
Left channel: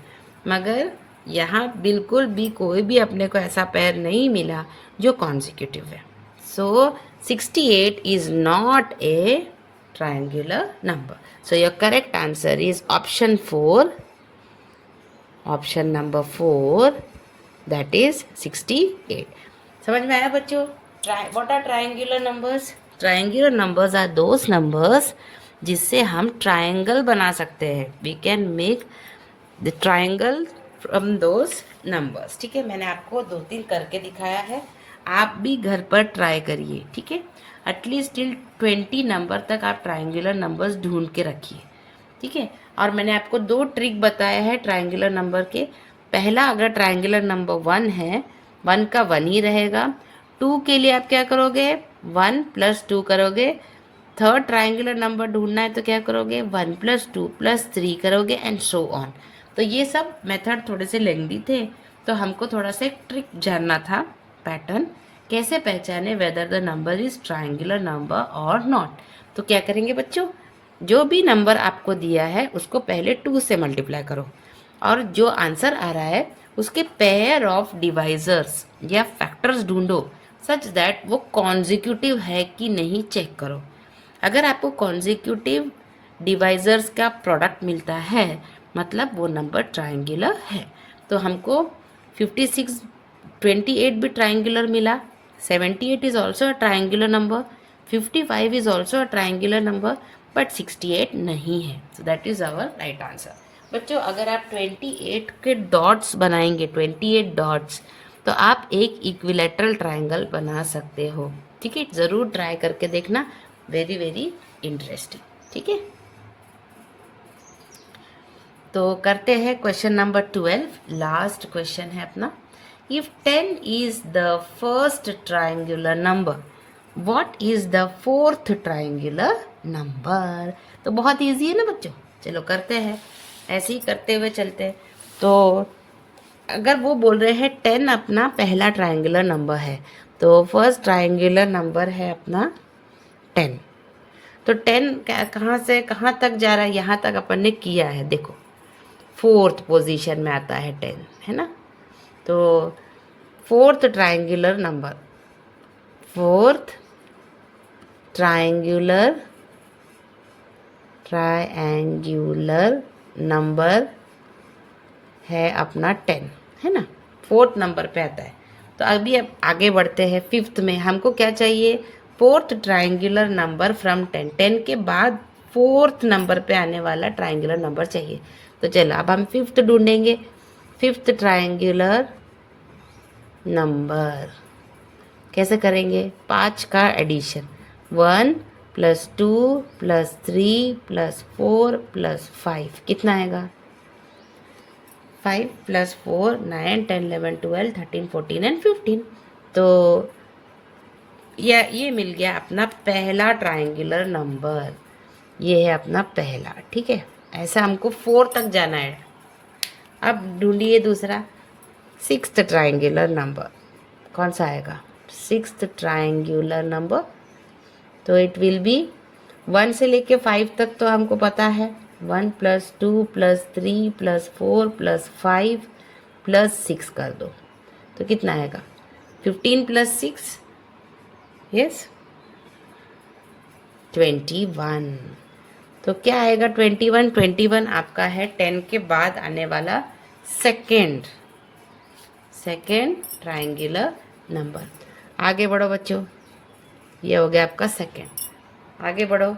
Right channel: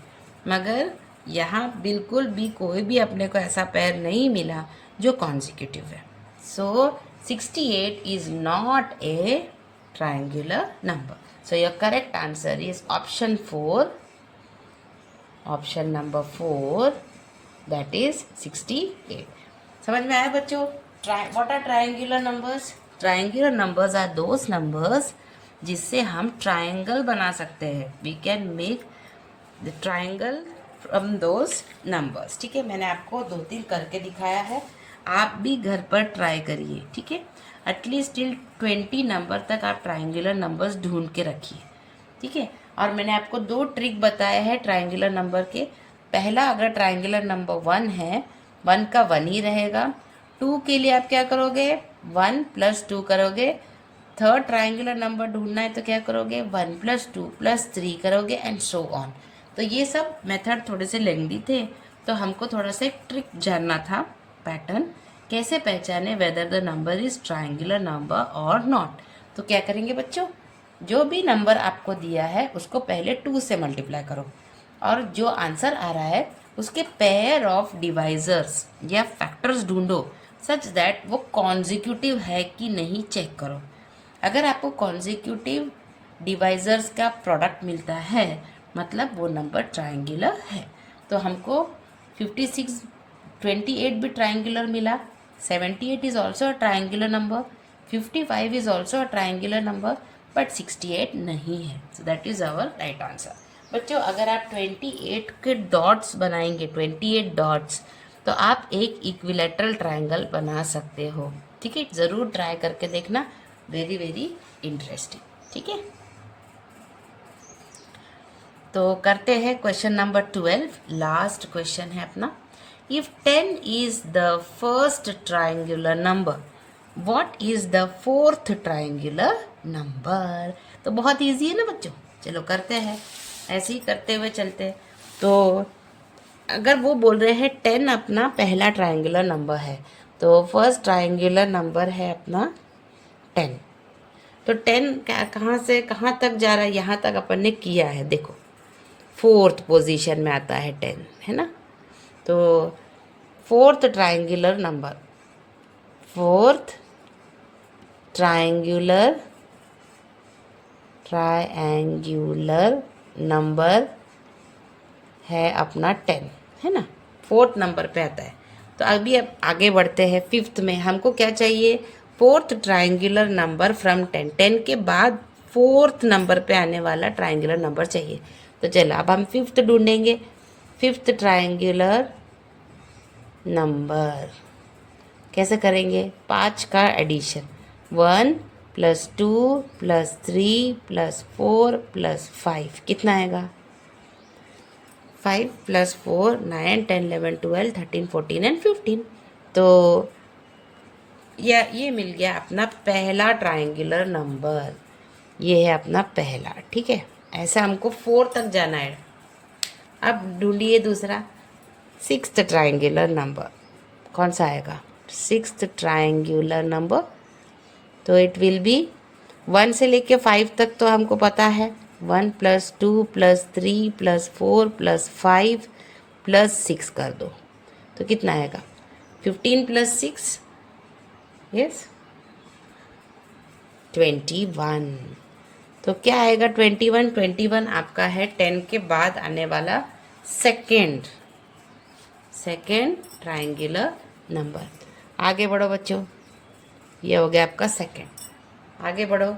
मगर यहाँ बिल्कुल भी कोई भी अपने को ऐसा पेयर नहीं मिला जो कॉन्जिक्यूटिव है। So 68 is not a triangular number. So your correct answer is option 4, option number 4, that is 68। समझ में आया बच्चों? What are triangular numbers? Triangular numbers are those numbers जिससे हम ट्रायंगल बना सकते हैं। We can make the triangle from those numbers. ठीक है, मैंने आपको 2-3 करके दिखाया है, आप भी घर पर ट्राई करिए। ठीक है, एटलीस्ट टिल 20 नंबर तक आप ट्रायंगुलर नंबर्स ढूंढ के रखिए। ठीक है, और मैंने आपको 2 ट्रिक बताया है ट्रायंगुलर नंबर के। पहला, अगर ट्रायंगुलर नंबर 1 है, 1 का 1 ही रहेगा। 2 के लिए आप क्या करोगे, 1 + 2 करोगे। थर्ड ट्रायंगुलर नंबर ढूंढना है तो क्या करोगे, 1 + 2 + 3 करोगे एंड सो ऑन। तो ये सब मेथड थोड़े से लेंदी थे, तो हमको थोड़ा सा एक ट्रिक जानना था, पैटर्न कैसे पहचाने whether the number is triangular number और नॉट। तो क्या करेंगे बच्चों, जो भी नंबर आपको दिया है उसको पहले 2 से मल्टीप्लाई करो, और जो आंसर आ रहा है उसके पेयर ऑफ डिवाइजर्स या फैक्टर्स ढूंढो सच दैट वो कॉन्जिक्यूटिव है कि नहीं चेक करो। अगर आपको कॉन्जिक्यूटिव डिवाइजर्स का प्रोडक्ट मिलता है मतलब वो नंबर ट्रायंगुलर है। तो हमको 56 28 भी ट्रायंगुलर मिला, 78 is also a triangular number, 55 is also a triangular number, but 68 नहीं है। So that is our right answer. बच्चों अगर आप 28 के डॉट्स बनाएंगे, 28 डॉट्स, तो आप एक इक्विलेटरल ट्रायंगल बना सकते हो। ठीक है, ज़रूर ट्राई करके देखना, वेरी वेरी इंटरेस्टिंग। ठीक है, तो करते हैं क्वेश्चन नंबर 12, लास्ट क्वेश्चन है अपना। If 10 is the first triangular number, what is the fourth triangular number? तो बहुत इजी है ना बच्चों, चलो करते हैं, ऐसे ही करते हुए चलते हैं। तो अगर वो बोल रहे हैं 10 अपना पहला ट्रायंगुलर नंबर है, तो फर्स्ट ट्रायंगुलर नंबर है अपना 10। तो 10 कहाँ से कहाँ तक जा रहा है, यहाँ तक अपन ने किया है, देखो फोर्थ पोजीशन में आता है 10, है ना। तो fourth triangular number, fourth triangular number है अपना 10, है ना, फोर्थ नंबर पे आता है। तो अभी अब आगे बढ़ते हैं फिफ्थ में। हमको क्या चाहिए, फोर्थ ट्रायंगुलर नंबर फ्रॉम 10, 10 के बाद फोर्थ नंबर पे आने वाला ट्रायंगुलर नंबर चाहिए। तो चलो अब हम फिफ्थ ढूंढेंगे, फिफ्थ ट्रायंगुलर नंबर कैसे करेंगे, 5 का एडिशन, 1 + 2 + 3 + 4 + 5 कितना आएगा, 5 + 4 9 10 11 12 13 14 एंड 15। तो ये मिल गया अपना पहला ट्रायंगुलर नंबर, ये है अपना पहला। ठीक है, ऐसा हमको 4 तक जाना है। अब ढूंढिए दूसरा, सिक्स्थ ट्रायंगुलर नंबर कौन सा आएगा, सिक्स्थ ट्रायंगुलर नंबर। तो इट विल बी 1 से लेके 5 तक तो हमको पता है, 1 + 2 + 3 + 4 + 5 + 6 कर दो, तो कितना आएगा, 15 + 6 यस 21। तो क्या आएगा 21, 21 आपका है 10 के बाद आने वाला सेकेंड ट्रायंगुलर नंबर। आगे बढ़ो बच्चों, ये हो गया आपका सेकेंड। आगे बढ़ो,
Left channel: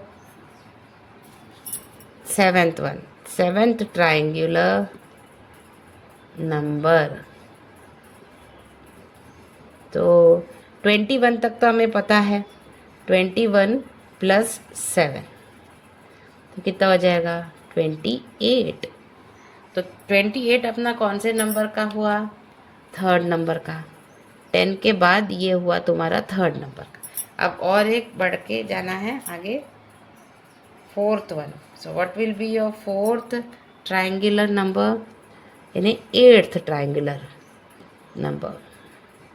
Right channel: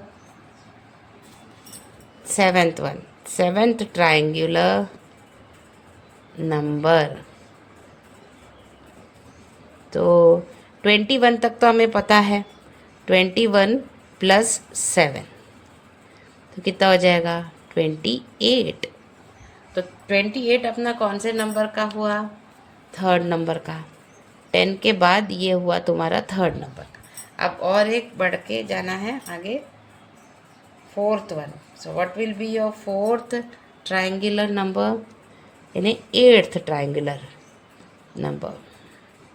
सेवेंथ ट्रायंगुलर नंबर। तो 21 तक तो हमें पता है, 21 + 7 तो कितना हो जाएगा, 28। तो 28 अपना कौन से नंबर का हुआ, थर्ड नंबर का। 10 के बाद ये हुआ तुम्हारा थर्ड नंबर का। अब और एक बढ़ के जाना है आगे, fourth one. So what will be your fourth triangular number, यानी 8th ट्रायंगुलर नंबर।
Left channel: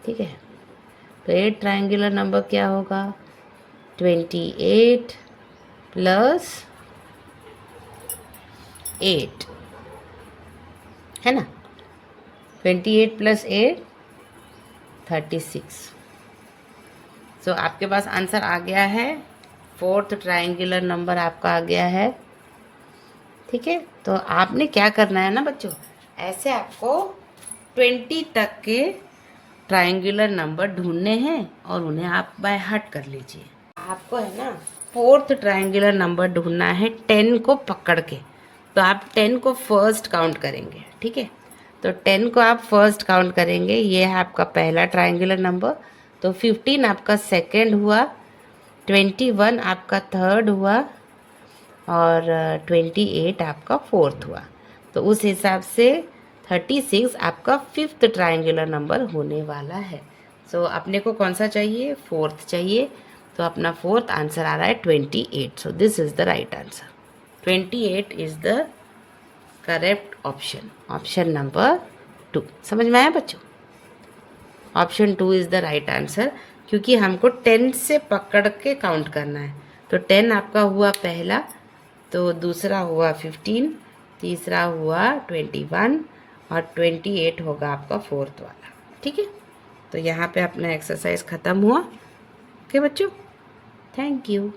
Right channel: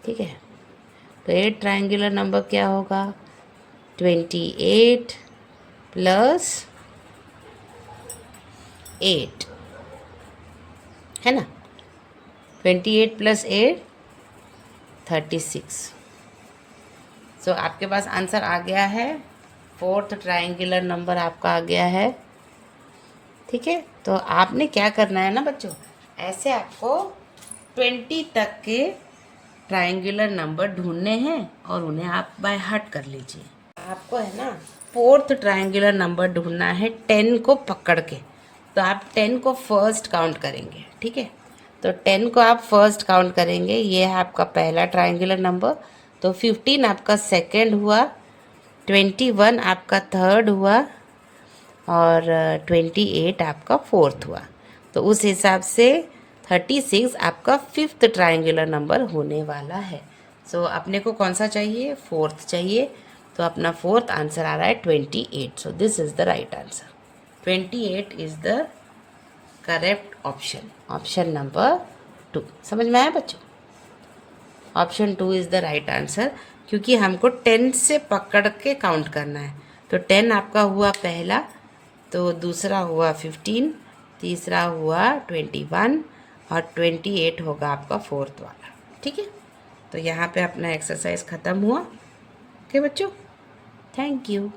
ठीक है, तो 8 ट्रायंगुलर नंबर क्या होगा, 28 + 8 है ना, 28 + 8 36। सो आपके पास आंसर आ गया है, फोर्थ ट्रायंगुलर नंबर आपका आ गया है। ठीक है, तो आपने क्या करना है ना बच्चों, ऐसे आपको 20 तक के ट्रायंगुलर नंबर ढूंढने हैं और उन्हें आप बाय हार्ट कर लीजिए। आपको है ना फोर्थ ट्रायंगुलर नंबर ढूंढना है 10 को पकड़ के। तो आप 10 को फर्स्ट काउंट करेंगे। ठीक है, तो 10 को आप फर्स्ट काउंट करेंगे, ये है आपका पहला ट्रायंगुलर नंबर। तो 15 आपका सेकेंड हुआ, 21 आपका थर्ड हुआ और 28 आपका फोर्थ हुआ। तो उस हिसाब से 36 आपका फिफ्थ ट्रायंगुलर नंबर होने वाला है। सो अपने को कौन सा चाहिए, फोर्थ चाहिए। तो अपना फोर्थ आंसर आ रहा है 28। So this is the right answer, 28 is the correct option, option number 2। समझ में आया बच्चों, option 2 is the right answer, क्योंकि हमको 10 से पकड़ के काउंट करना है। तो 10 आपका हुआ पहला, तो दूसरा हुआ 15, तीसरा हुआ 21 और 28 होगा आपका फोर्थ वाला। ठीक है, तो यहाँ पे अपना एक्सरसाइज ख़त्म हुआ। ओके बच्चों, थैंक यू।